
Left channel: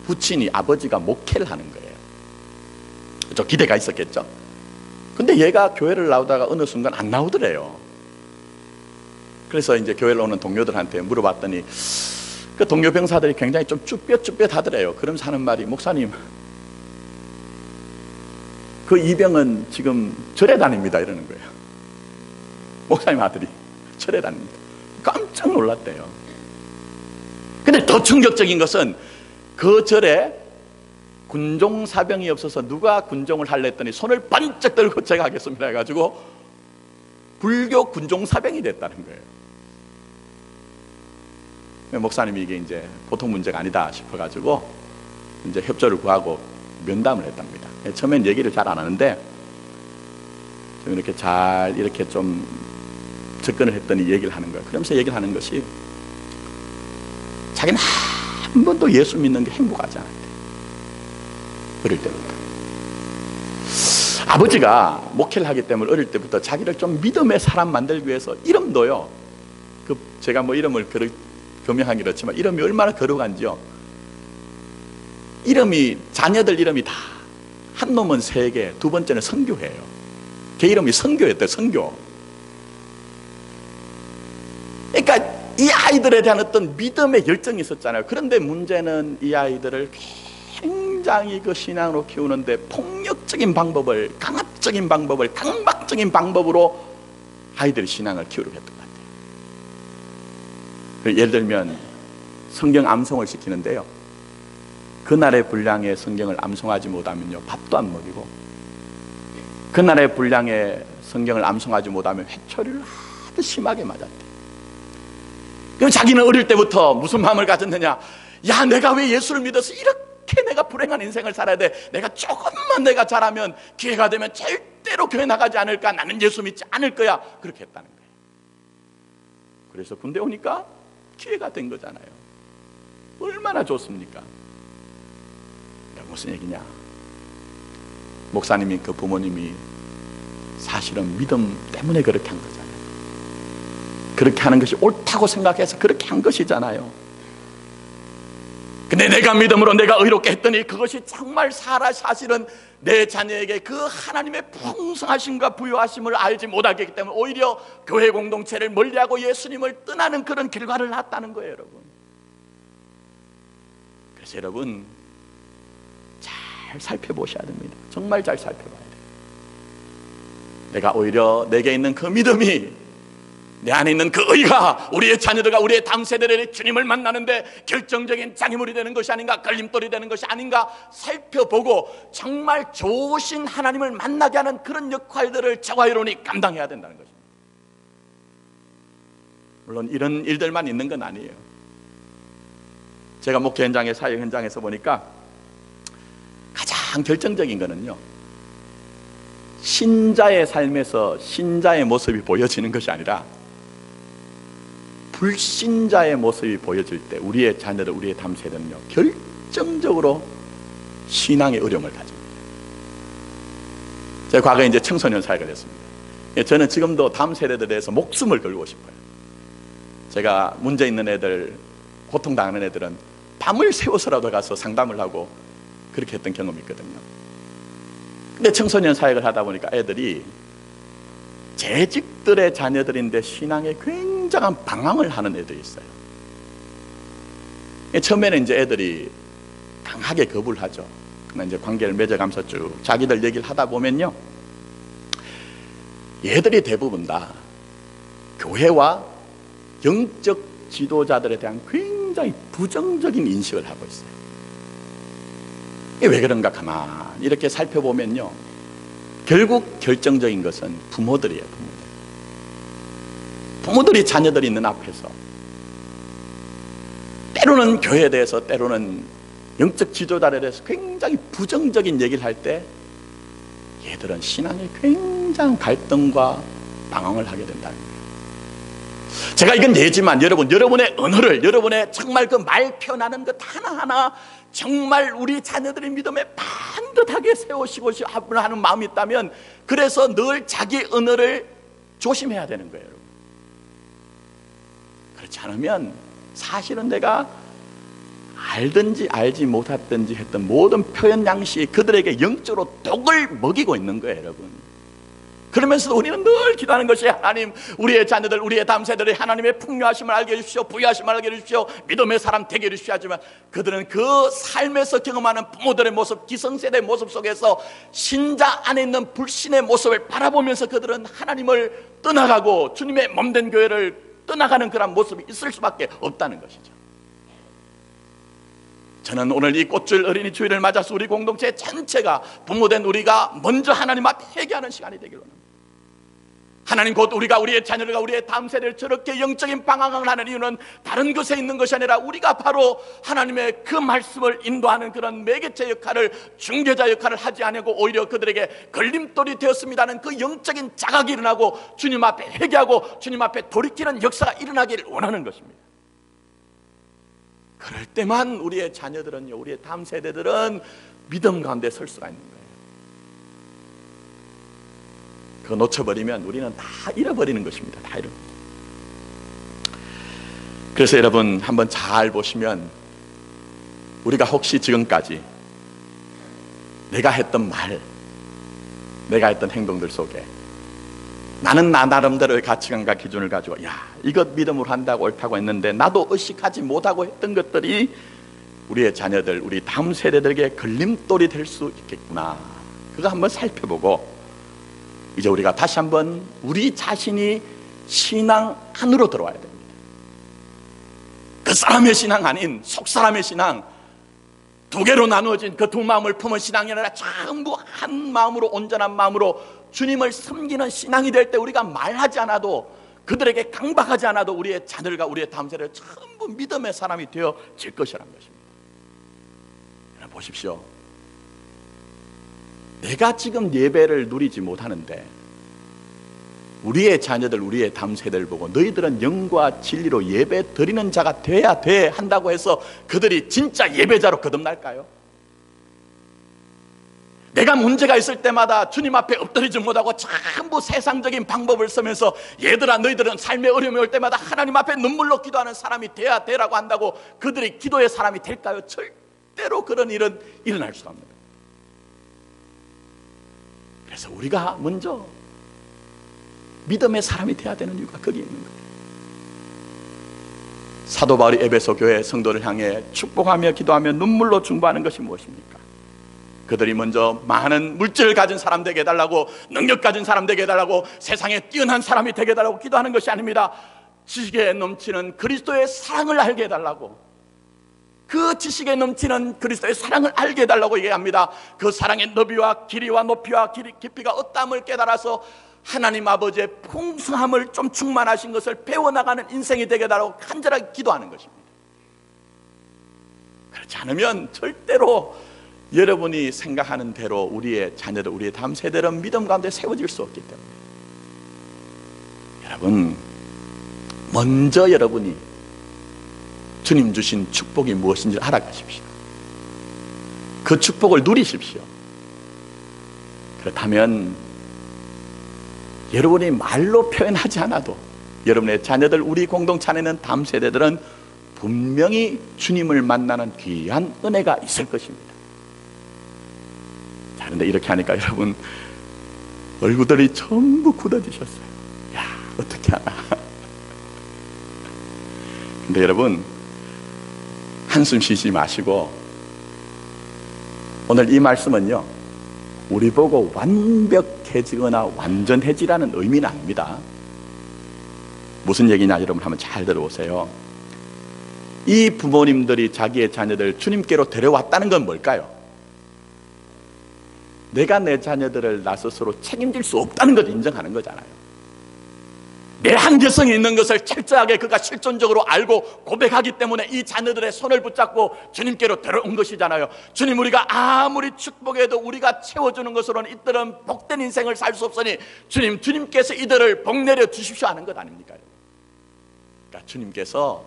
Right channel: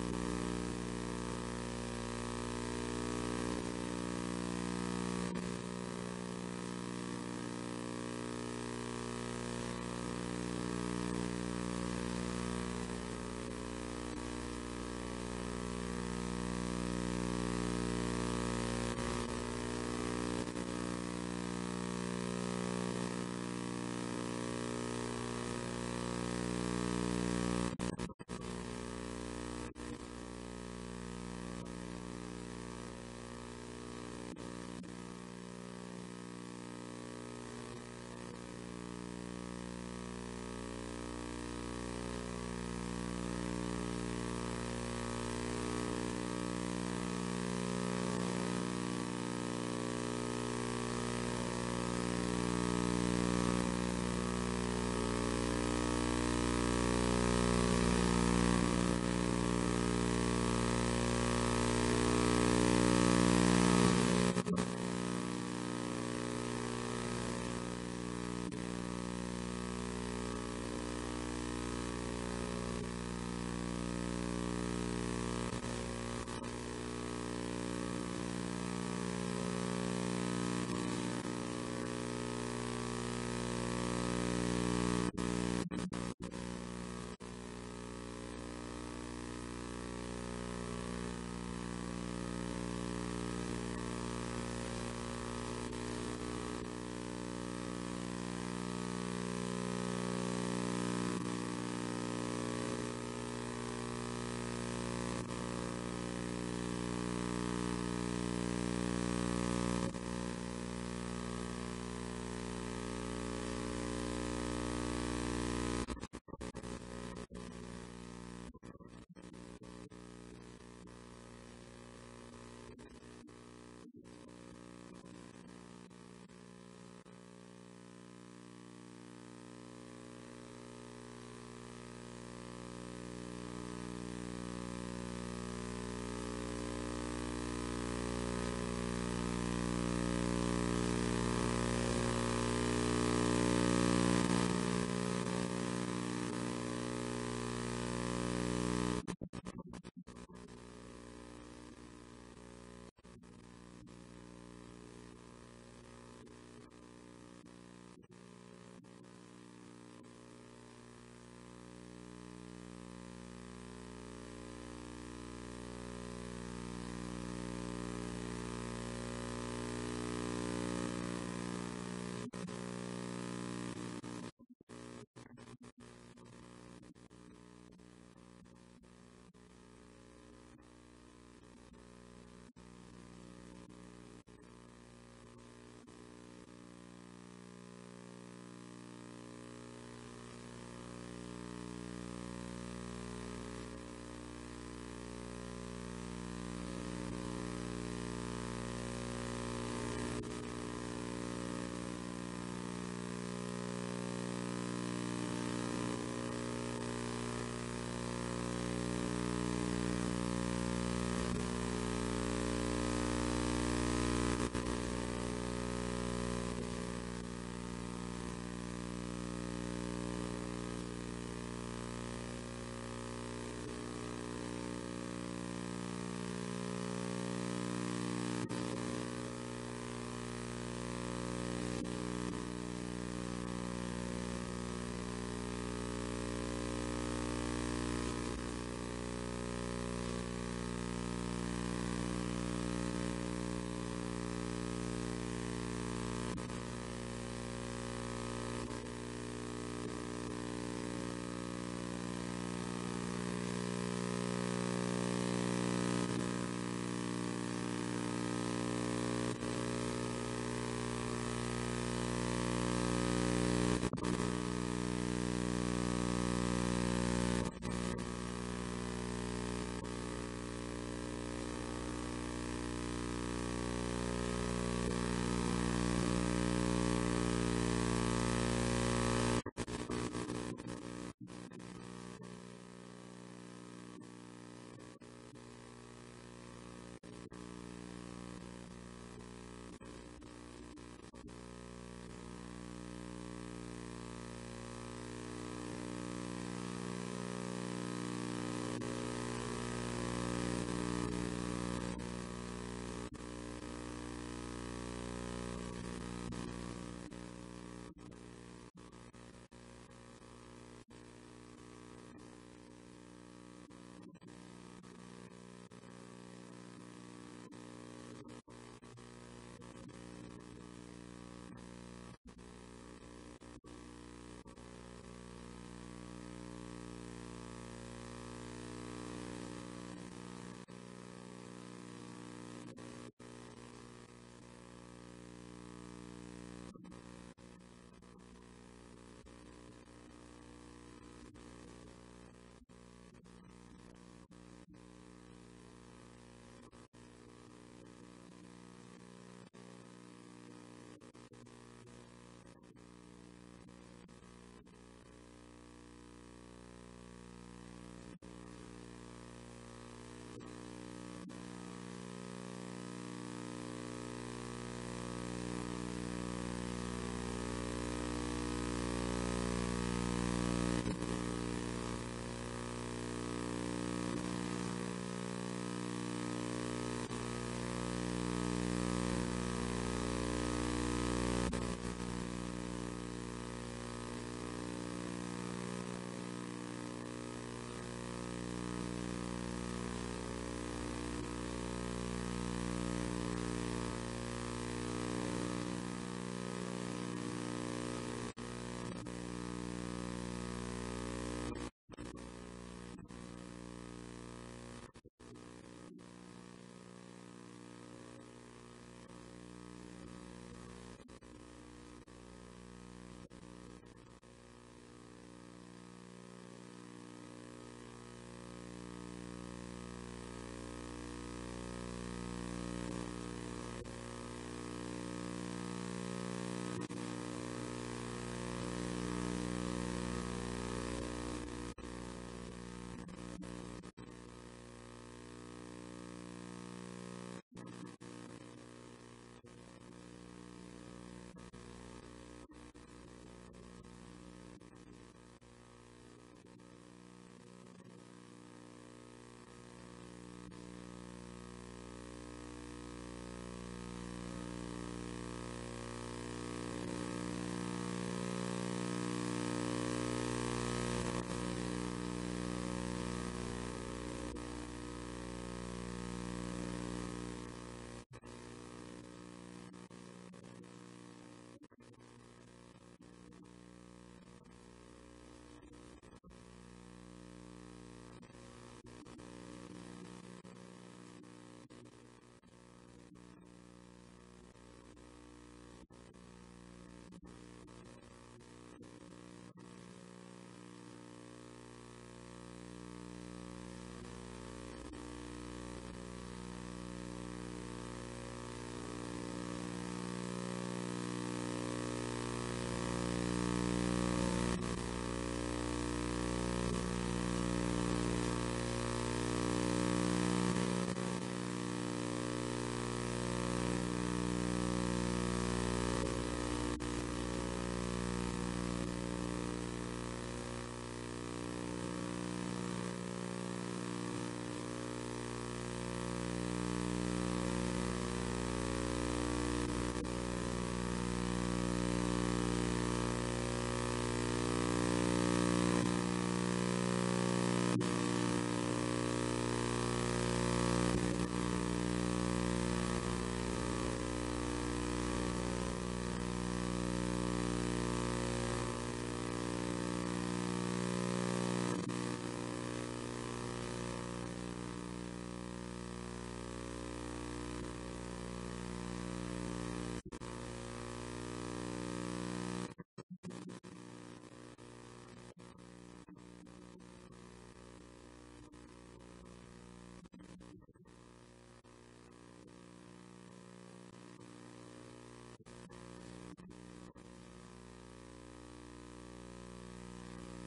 부친이 아버지가 목회를 하는 거예요. 저 기대가 있었겠죠. 근데 얘가 교회를 나오다가 어느 순간 안 나오더래요. 그래서 이제 교회를 오는 동료들한테 물어봤더니 그 동료 병사들이 굉장히 좀 쭈뼛쭈뼛하더래요. 그러면서 하는 말이, 목사님, 그 이병은 지금 절에 다닙니다, 이러는 거예요. 목사님 아들이 절에 다닙니다. 깜짝 놀랐대요. 근데 더 충격적인 것은 그 절에 군종 사병이 없어서 누가 군종을 할래 했더니 손을 번쩍 들고 제가 하겠습니다 해가지고 불교 군종 사병이 됐다는 거예요. 목사님이 이게 이제 보통 문제가 아니다 싶어가지고 이제 협조를 구하고 면담을 했답니다. 처음엔 얘기를 잘 안 하는데 이렇게 잘 이렇게 좀 접근을 했더니 얘기를 하는 거예요. 그러면서 얘기를 하는 것이, 자기는 한 번도 예수 믿는 게 행복하지 않아요. 어릴 때부터 아버지가 목회를 하기 때문에 어릴 때부터 자기를 좀 믿음의 사람 만들기 위해서 이름도요, 제가 뭐 이름을 교명하기 그렇지만 이름이 얼마나 거룩한지요. 자녀들 이름이 다 한 놈은 세계, 두 번째는 선교예요. 걔 이름이 선교였대요. 선교. 그러니까 이 아이들에 대한 어떤 믿음의 열정이 있었잖아요. 그런데 문제는 이 아이들을 굉장히 그 신앙으로 키우는데 폭력적인 방법을, 강압적인 방법을, 강박적인 방법으로 아이들이 신앙을 키우려고 했던 것 같아요. 예를 들면 성경 암송을 시키는데요, 그날의 분량의 성경을 암송하지 못하면요 밥도 안 먹이고, 그날의 분량의 성경을 암송하지 못하면 회초리를 아주 심하게 맞았대요. 그럼 자기는 어릴 때부터 무슨 마음을 가졌느냐, 야, 내가 왜 예수를 믿어서 이렇게 내가 불행한 인생을 살아야 돼, 내가 조금만 내가 잘하면 기회가 되면 절대로 교회 나가지 않을까, 나는 예수 믿지 않을 거야, 그렇게 했다는 거예요. 그래서 군대 오니까 기회가 된 거잖아요. 얼마나 좋습니까? 무슨 얘기냐, 목사님이, 그 부모님이 사실은 믿음 때문에 그렇게 한 거잖아요. 그렇게 하는 것이 옳다고 생각해서 그렇게 한 것이잖아요. 근데 내가 믿음으로 내가 의롭게 했더니 그것이 정말 사실은 내 자녀에게 그 하나님의 풍성하심과 부유하심을 알지 못하기 때문에 오히려 교회 공동체를 멀리하고 예수님을 떠나는 그런 결과를 낳았다는 거예요, 여러분. 그래서 여러분 잘 살펴보셔야 됩니다. 정말 잘 살펴봐야 돼요. 내가 오히려 내게 있는 그 믿음이, 내 안에 있는 그 의가 우리의 자녀들과 우리의 다음 세대들이 주님을 만나는데 결정적인 장애물이 되는 것이 아닌가, 걸림돌이 되는 것이 아닌가 살펴보고 정말 좋으신 하나님을 만나게 하는 그런 역할들을 저와 여러분이 감당해야 된다는 것입니다. 물론 이런 일들만 있는 건 아니에요. 제가 목회 현장에, 사역 현장에서 보니까 가장 결정적인 거는요, 신자의 삶에서 신자의 모습이 보여지는 것이 아니라 불신자의 모습이 보여질 때 우리의 자녀들, 우리의 다음 세대는요 결정적으로 신앙의 어려움을 가집니다. 제가 과거에 이제 청소년 사역을 했습니다. 저는 지금도 다음 세대들에 대해서 목숨을 걸고 싶어요. 제가 문제 있는 애들, 고통당하는 애들은 밤을 새워서라도 가서 상담을 하고 그렇게 했던 경험이 있거든요. 근데 청소년 사역을 하다 보니까 애들이 재직들의 자녀들인데 신앙에 굉장한 방황을 하는 애들이 있어요. 처음에는 이제 애들이 강하게 거부를 하죠. 그러나 이제 관계를 맺어가면서 쭉 자기들 얘기를 하다 보면요, 얘들이 대부분 다 교회와 영적 지도자들에 대한 굉장히 부정적인 인식을 하고 있어요. 이게 왜 그런가 가만히 이렇게 살펴보면요, 결국 결정적인 것은 부모들이에요. 부모들이 자녀들이 있는 앞에서 때로는 교회에 대해서, 때로는 영적 지도자에 대해서 굉장히 부정적인 얘기를 할 때 얘들은 신앙에 굉장한 갈등과 방황을 하게 된다. 제가 이건 예지만 여러분의 언어를, 여러분의 정말 그 말 표현하는 것 하나하나 정말 우리 자녀들의 믿음에 반듯하게 세우시고 하는 마음이 있다면, 그래서 늘 자기 언어를 조심해야 되는 거예요. 그렇지 않으면 사실은 내가 알든지 알지 못했든지 했던 모든 표현 양식이 그들에게 영적으로 독을 먹이고 있는 거예요, 여러분. 그러면서도 우리는 늘 기도하는 것이, 하나님, 우리의 자녀들, 우리의 다음 세대들이 하나님의 풍요하심을 알게 해주십시오, 부유하심을 알게 해주십시오, 믿음의 사람 되게 해주십시오. 하지만 그들은 그 삶에서 경험하는 부모들의 모습, 기성세대의 모습 속에서 신자 안에 있는 불신의 모습을 바라보면서 그들은 하나님을 떠나가고 주님의 몸된 교회를 떠나가는 그런 모습이 있을 수밖에 없다는 것이죠. 저는 오늘 이 꽃줄 어린이 주일을 맞아서 우리 공동체 전체가, 부모된 우리가 먼저 하나님 앞에 회개하는 시간이 되기를 원합니다. 하나님, 곧 우리가 우리의 자녀들과 우리의 다음 세대를 저렇게 영적인 방황을 하는 이유는 다른 것에 있는 것이 아니라 우리가 바로 하나님의 그 말씀을 인도하는 그런 매개체 역할을, 중개자 역할을 하지 않고 오히려 그들에게 걸림돌이 되었습니다는 그 영적인 자각이 일어나고 주님 앞에 회개하고 주님 앞에 돌이키는 역사가 일어나기를 원하는 것입니다. 그럴 때만 우리의 자녀들은요, 우리의 다음 세대들은 믿음 가운데 설 수가 있는 거예요. 그거 놓쳐버리면 우리는 다 잃어버리는 것입니다. 다 잃어버립니다. 그래서 여러분 한번 잘 보시면, 우리가 혹시 지금까지 내가 했던 말, 내가 했던 행동들 속에 나는 나 나름대로의 가치관과 기준을 가지고 이것 믿음으로 한다고 옳다고 했는데 나도 의식하지 못하고 했던 것들이 우리의 자녀들, 우리 다음 세대들에게 걸림돌이 될 수 있겠구나. 그거 한번 살펴보고 이제 우리가 다시 한번 우리 자신이 신앙 안으로 들어와야 됩니다. 그 사람의 신앙 아닌 속 사람의 신앙, 두 개로 나누어진 그 두 마음을 품은 신앙이 아니라 전부 한 마음으로, 온전한 마음으로 주님을 섬기는 신앙이 될 때 우리가 말하지 않아도, 그들에게 강박하지 않아도 우리의 자녀들과 우리의 다음 세대를 전부 믿음의 사람이 되어질 것이라는 것입니다. 보십시오. 내가 지금 예배를 누리지 못하는데 우리의 자녀들, 우리의 다음 세대를 보고 너희들은 영과 진리로 예배 드리는 자가 돼야 돼 한다고 해서 그들이 진짜 예배자로 거듭날까요? 내가 문제가 있을 때마다 주님 앞에 엎드리지 못하고 전부 세상적인 방법을 쓰면서, 얘들아 너희들은 삶의 어려움이 올 때마다 하나님 앞에 눈물로 기도하는 사람이 돼야 되라고 한다고 그들이 기도의 사람이 될까요? 절대로 그런 일은 일어날 수 없습니다. 그래서 우리가 먼저 믿음의 사람이 돼야 되는 이유가 거기에 있는 거예요. 사도 바울이 에베소 교회 성도를 향해 축복하며 기도하며 눈물로 중보하는 것이 무엇입니까? 그들이 먼저 많은 물질을 가진 사람 되게 해달라고, 능력 가진 사람 되게 해달라고, 세상에 뛰어난 사람이 되게 해달라고 기도하는 것이 아닙니다. 지식에 넘치는 그리스도의 사랑을 알게 해달라고, 그 지식에 넘치는 그리스도의 사랑을 알게 해달라고 얘기합니다. 그 사랑의 너비와 길이와 높이와 깊이가 어떠함을 깨달아서 하나님 아버지의 풍성함을 좀 충만하신 것을 배워나가는 인생이 되게 해달라고 간절하게 기도하는 것입니다. 그렇지 않으면 절대로 여러분이 생각하는 대로 우리의 자녀들, 우리의 다음 세대는 믿음 가운데 세워질 수 없기 때문에, 여러분 먼저 여러분이 주님 주신 축복이 무엇인지 알아가십시오. 그 축복을 누리십시오. 그렇다면 여러분이 말로 표현하지 않아도 여러분의 자녀들, 우리 공동체 안에 있는 다음 세대들은 분명히 주님을 만나는 귀한 은혜가 있을 것입니다. 자, 그런데 이렇게 하니까 여러분 얼굴들이 전부 굳어지셨어요. 야, 어떻게 하나. 근데 여러분 한숨 쉬지 마시고, 오늘 이 말씀은요 우리 보고 완벽해지거나 완전해지라는 의미는 아닙니다. 무슨 얘기냐 여러분 한번 잘 들어보세요. 이 부모님들이 자기의 자녀들을 주님께로 데려왔다는 건 뭘까요? 내가 내 자녀들을 나 스스로 책임질 수 없다는 걸 인정하는 거잖아요. 내 한계성이 있는 것을 철저하게 그가 실존적으로 알고 고백하기 때문에 이 자녀들의 손을 붙잡고 주님께로 데려온 것이잖아요. 주님, 우리가 아무리 축복해도 우리가 채워주는 것으로는 이들은 복된 인생을 살 수 없으니 주님, 주님께서 이들을 복내려 주십시오 하는 것 아닙니까? 그러니까 주님께서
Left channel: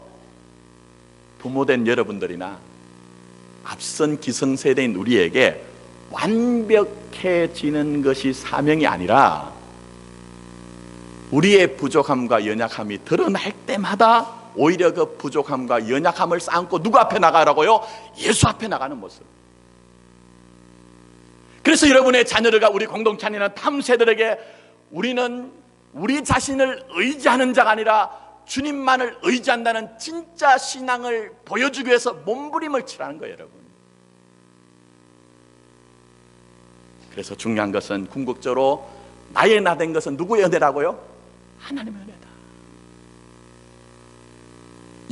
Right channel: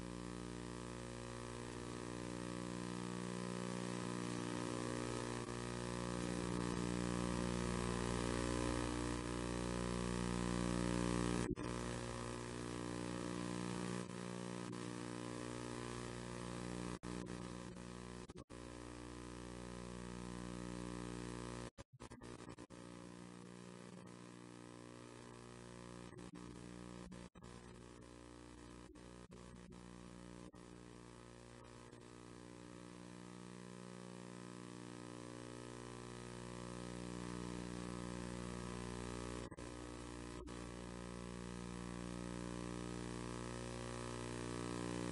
부모된 여러분들이나 앞선 기성세대인 우리에게 완벽해지는 것이 사명이 아니라 우리의 부족함과 연약함이 드러날 때마다 오히려 그 부족함과 연약함을 쌓고 누구 앞에 나가라고요? 예수 앞에 나가는 모습. 그래서 여러분의 자녀들과 우리 공동체 안에는 탐세들에게 우리는 우리 자신을 의지하는 자가 아니라 주님만을 의지한다는 진짜 신앙을 보여주기 위해서 몸부림을 치라는 거예요, 여러분. 그래서 중요한 것은 궁극적으로 나의 나 된 것은 누구의 은혜라고요? 하나님의 은혜다.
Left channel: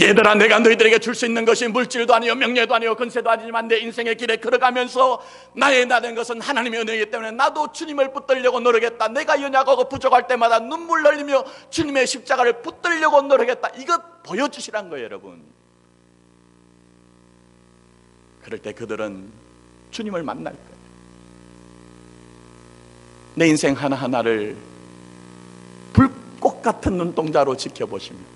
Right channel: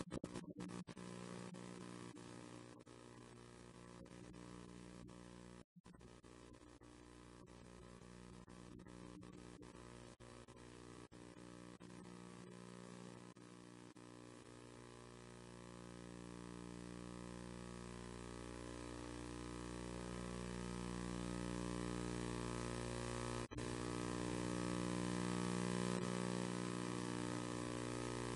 얘들아, 내가 너희들에게 줄 수 있는 것이 물질도 아니요 명예도 아니요 권세도 아니지만 내 인생의 길에 걸어가면서 나의 나 된 것은 하나님의 은혜이기 때문에 나도 주님을 붙들려고 노력했다. 내가 연약하고 부족할 때마다 눈물 흘리며 주님의 십자가를 붙들려고 노력했다. 이것 보여주시란 거예요, 여러분. 그럴 때 그들은 주님을 만날 거예요. 내 인생 하나하나를 불꽃 같은 눈동자로 지켜보십니다.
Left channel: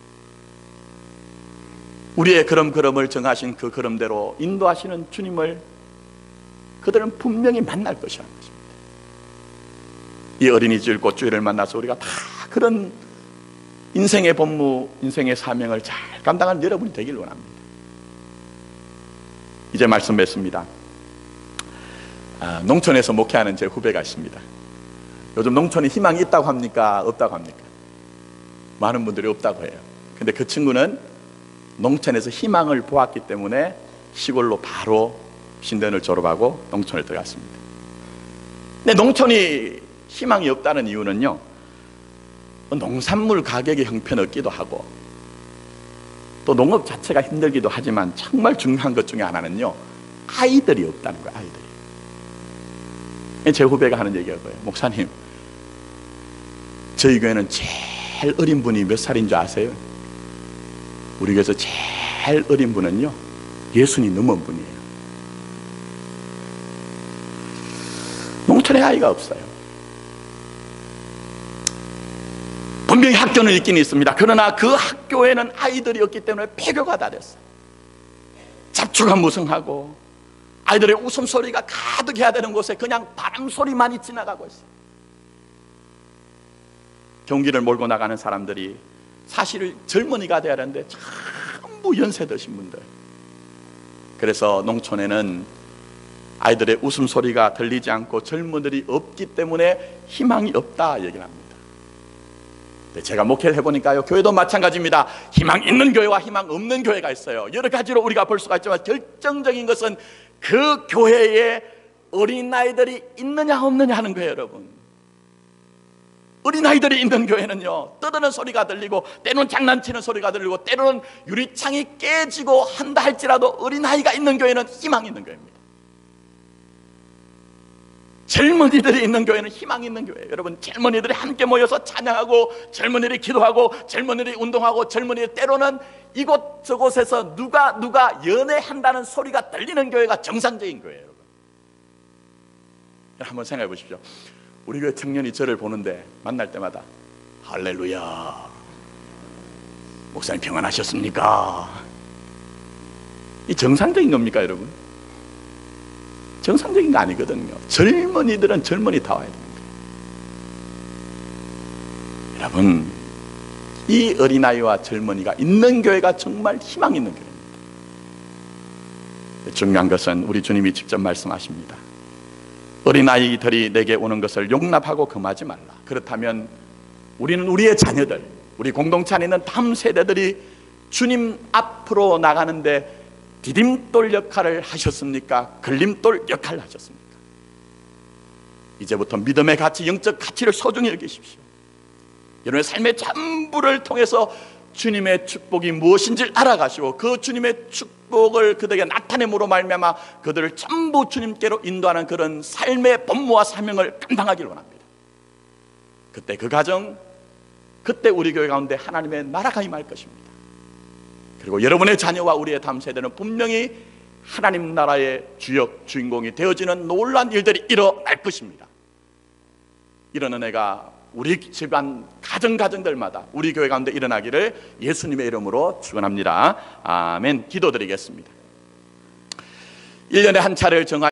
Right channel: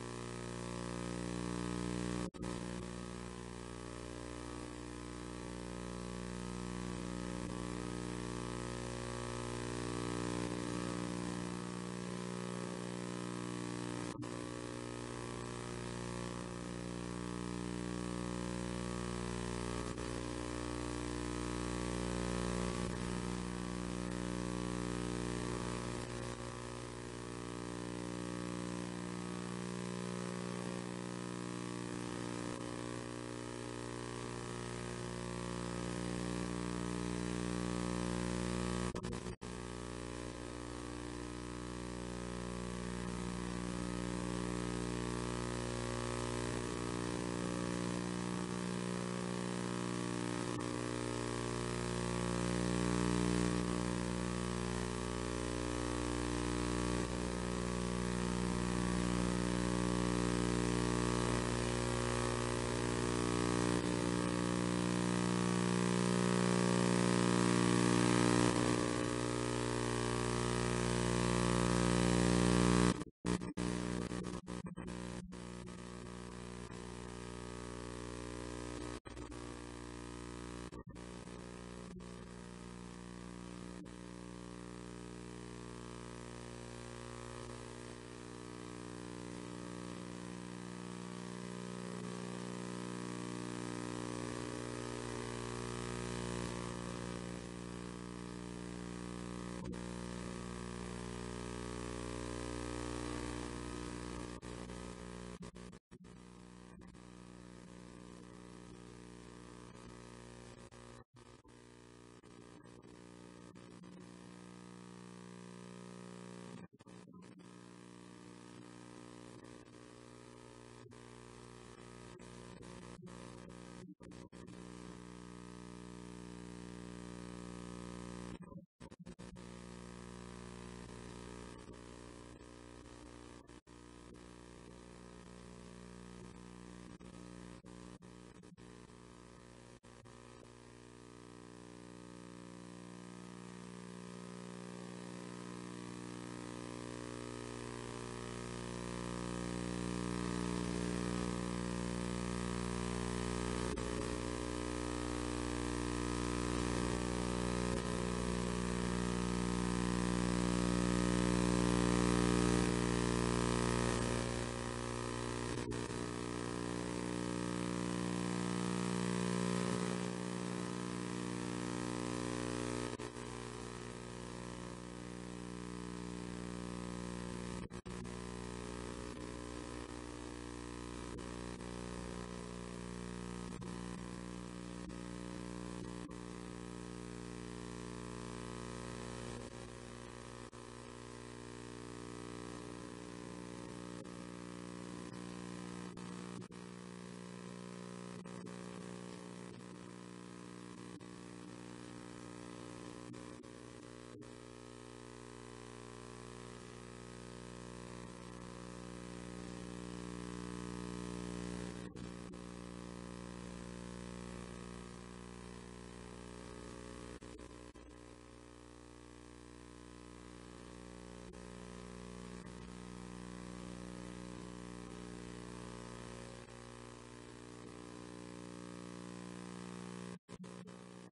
우리의 걸음걸음을 정하신 그 걸음대로 인도하시는 주님을 그들은 분명히 만날 것이라는 것입니다. 이 어린이집 꽃주일을 만나서 우리가 다 그런 인생의 본무, 인생의 사명을 잘 감당하는 여러분이 되길 원합니다. 이제 말씀 맺습니다. 농촌에서 목회하는 제 후배가 있습니다. 요즘 농촌에 희망이 있다고 합니까? 없다고 합니까? 많은 분들이 없다고 해요. 근데 그 친구는 농촌에서 희망을 보았기 때문에 시골로 바로 신대원을 졸업하고 농촌에 들어갔습니다. 근데 농촌이 희망이 없다는 이유는요, 농산물 가격이 형편없기도 하고 또 농업 자체가 힘들기도 하지만 정말 중요한 것 중에 하나는요, 아이들이 없다는 거예요. 아이들. 제 후배가 하는 얘기가 뭐예요? 목사님, 저희 교회는 제일 어린 분이 몇 살인 줄 아세요? 우리 교회에서 제일 어린 분은요 60이 넘은 분이에요. 농촌에 아이가 없어요. 분명히 학교는 있긴 있습니다. 그러나 그 학교에는 아이들이 없기 때문에 폐교가 다 됐어요. 잡초가 무성하고 아이들의 웃음소리가 가득해야 되는 곳에 그냥 바람소리만이 지나가고 있어요. 경기를 몰고 나가는 사람들이 사실 젊은이가 돼야 하는데 전부 연세 드신 분들. 그래서 농촌에는 아이들의 웃음소리가 들리지 않고 젊은이들이 없기 때문에 희망이 없다 얘기를 합니다. 제가 목회를 해보니까요, 교회도 마찬가지입니다. 희망 있는 교회와 희망 없는 교회가 있어요. 여러 가지로 우리가 볼 수가 있지만 결정적인 것은 그 교회에 어린아이들이 있느냐 없느냐 하는 거예요, 여러분. 어린아이들이 있는 교회는요, 떠드는 소리가 들리고 때로는 장난치는 소리가 들리고 때로는 유리창이 깨지고 한다 할지라도 어린아이가 있는 교회는 희망이 있는 교회입니다. 젊은이들이 있는 교회는 희망이 있는 교회예요. 여러분, 젊은이들이 함께 모여서 찬양하고 젊은이들이 기도하고 젊은이들이 운동하고 젊은이들이 때로는 이곳 저곳에서 누가 연애한다는 소리가 들리는 교회가 정상적인 교회예요. 한번 생각해 보십시오. 우리 교회 청년이 저를 보는데 만날 때마다 할렐루야, 목사님 평안하셨습니까? 이 정상적인 겁니까, 여러분? 정상적인 거 아니거든요. 젊은이들은 젊은이다워야 됩니다. 여러분, 이 어린아이와 젊은이가 있는 교회가 정말 희망 있는 교회입니다. 중요한 것은 우리 주님이 직접 말씀하십니다. 어린아이들이 내게 오는 것을 용납하고 금하지 말라. 그렇다면 우리는 우리의 자녀들, 우리 공동체 안에 있는 다음 세대들이 주님 앞으로 나가는데 디딤돌 역할을 하셨습니까? 걸림돌 역할을 하셨습니까? 이제부터 믿음의 가치, 영적 가치를 소중히 여기십시오. 여러분의 삶의 전부를 통해서 주님의 축복이 무엇인지를 알아가시고 그 주님의 축복을 그들에게 나타냄으로 말미암아 그들을 전부 주님께로 인도하는 그런 삶의 본무와 사명을 감당하기를 원합니다. 그때 그 가정, 그때 우리 교회 가운데 하나님의 나라가 임할 것입니다. 그리고 여러분의 자녀와 우리의 다음 세대는 분명히 하나님 나라의 주역, 주인공이 되어지는 놀라운 일들이 일어날 것입니다. 이런 은혜가 우리 집안 가정들마다 우리 교회 가운데 일어나기를 예수님의 이름으로 축원합니다. 아멘. 기도드리겠습니다. 1년에 한 차례를 정하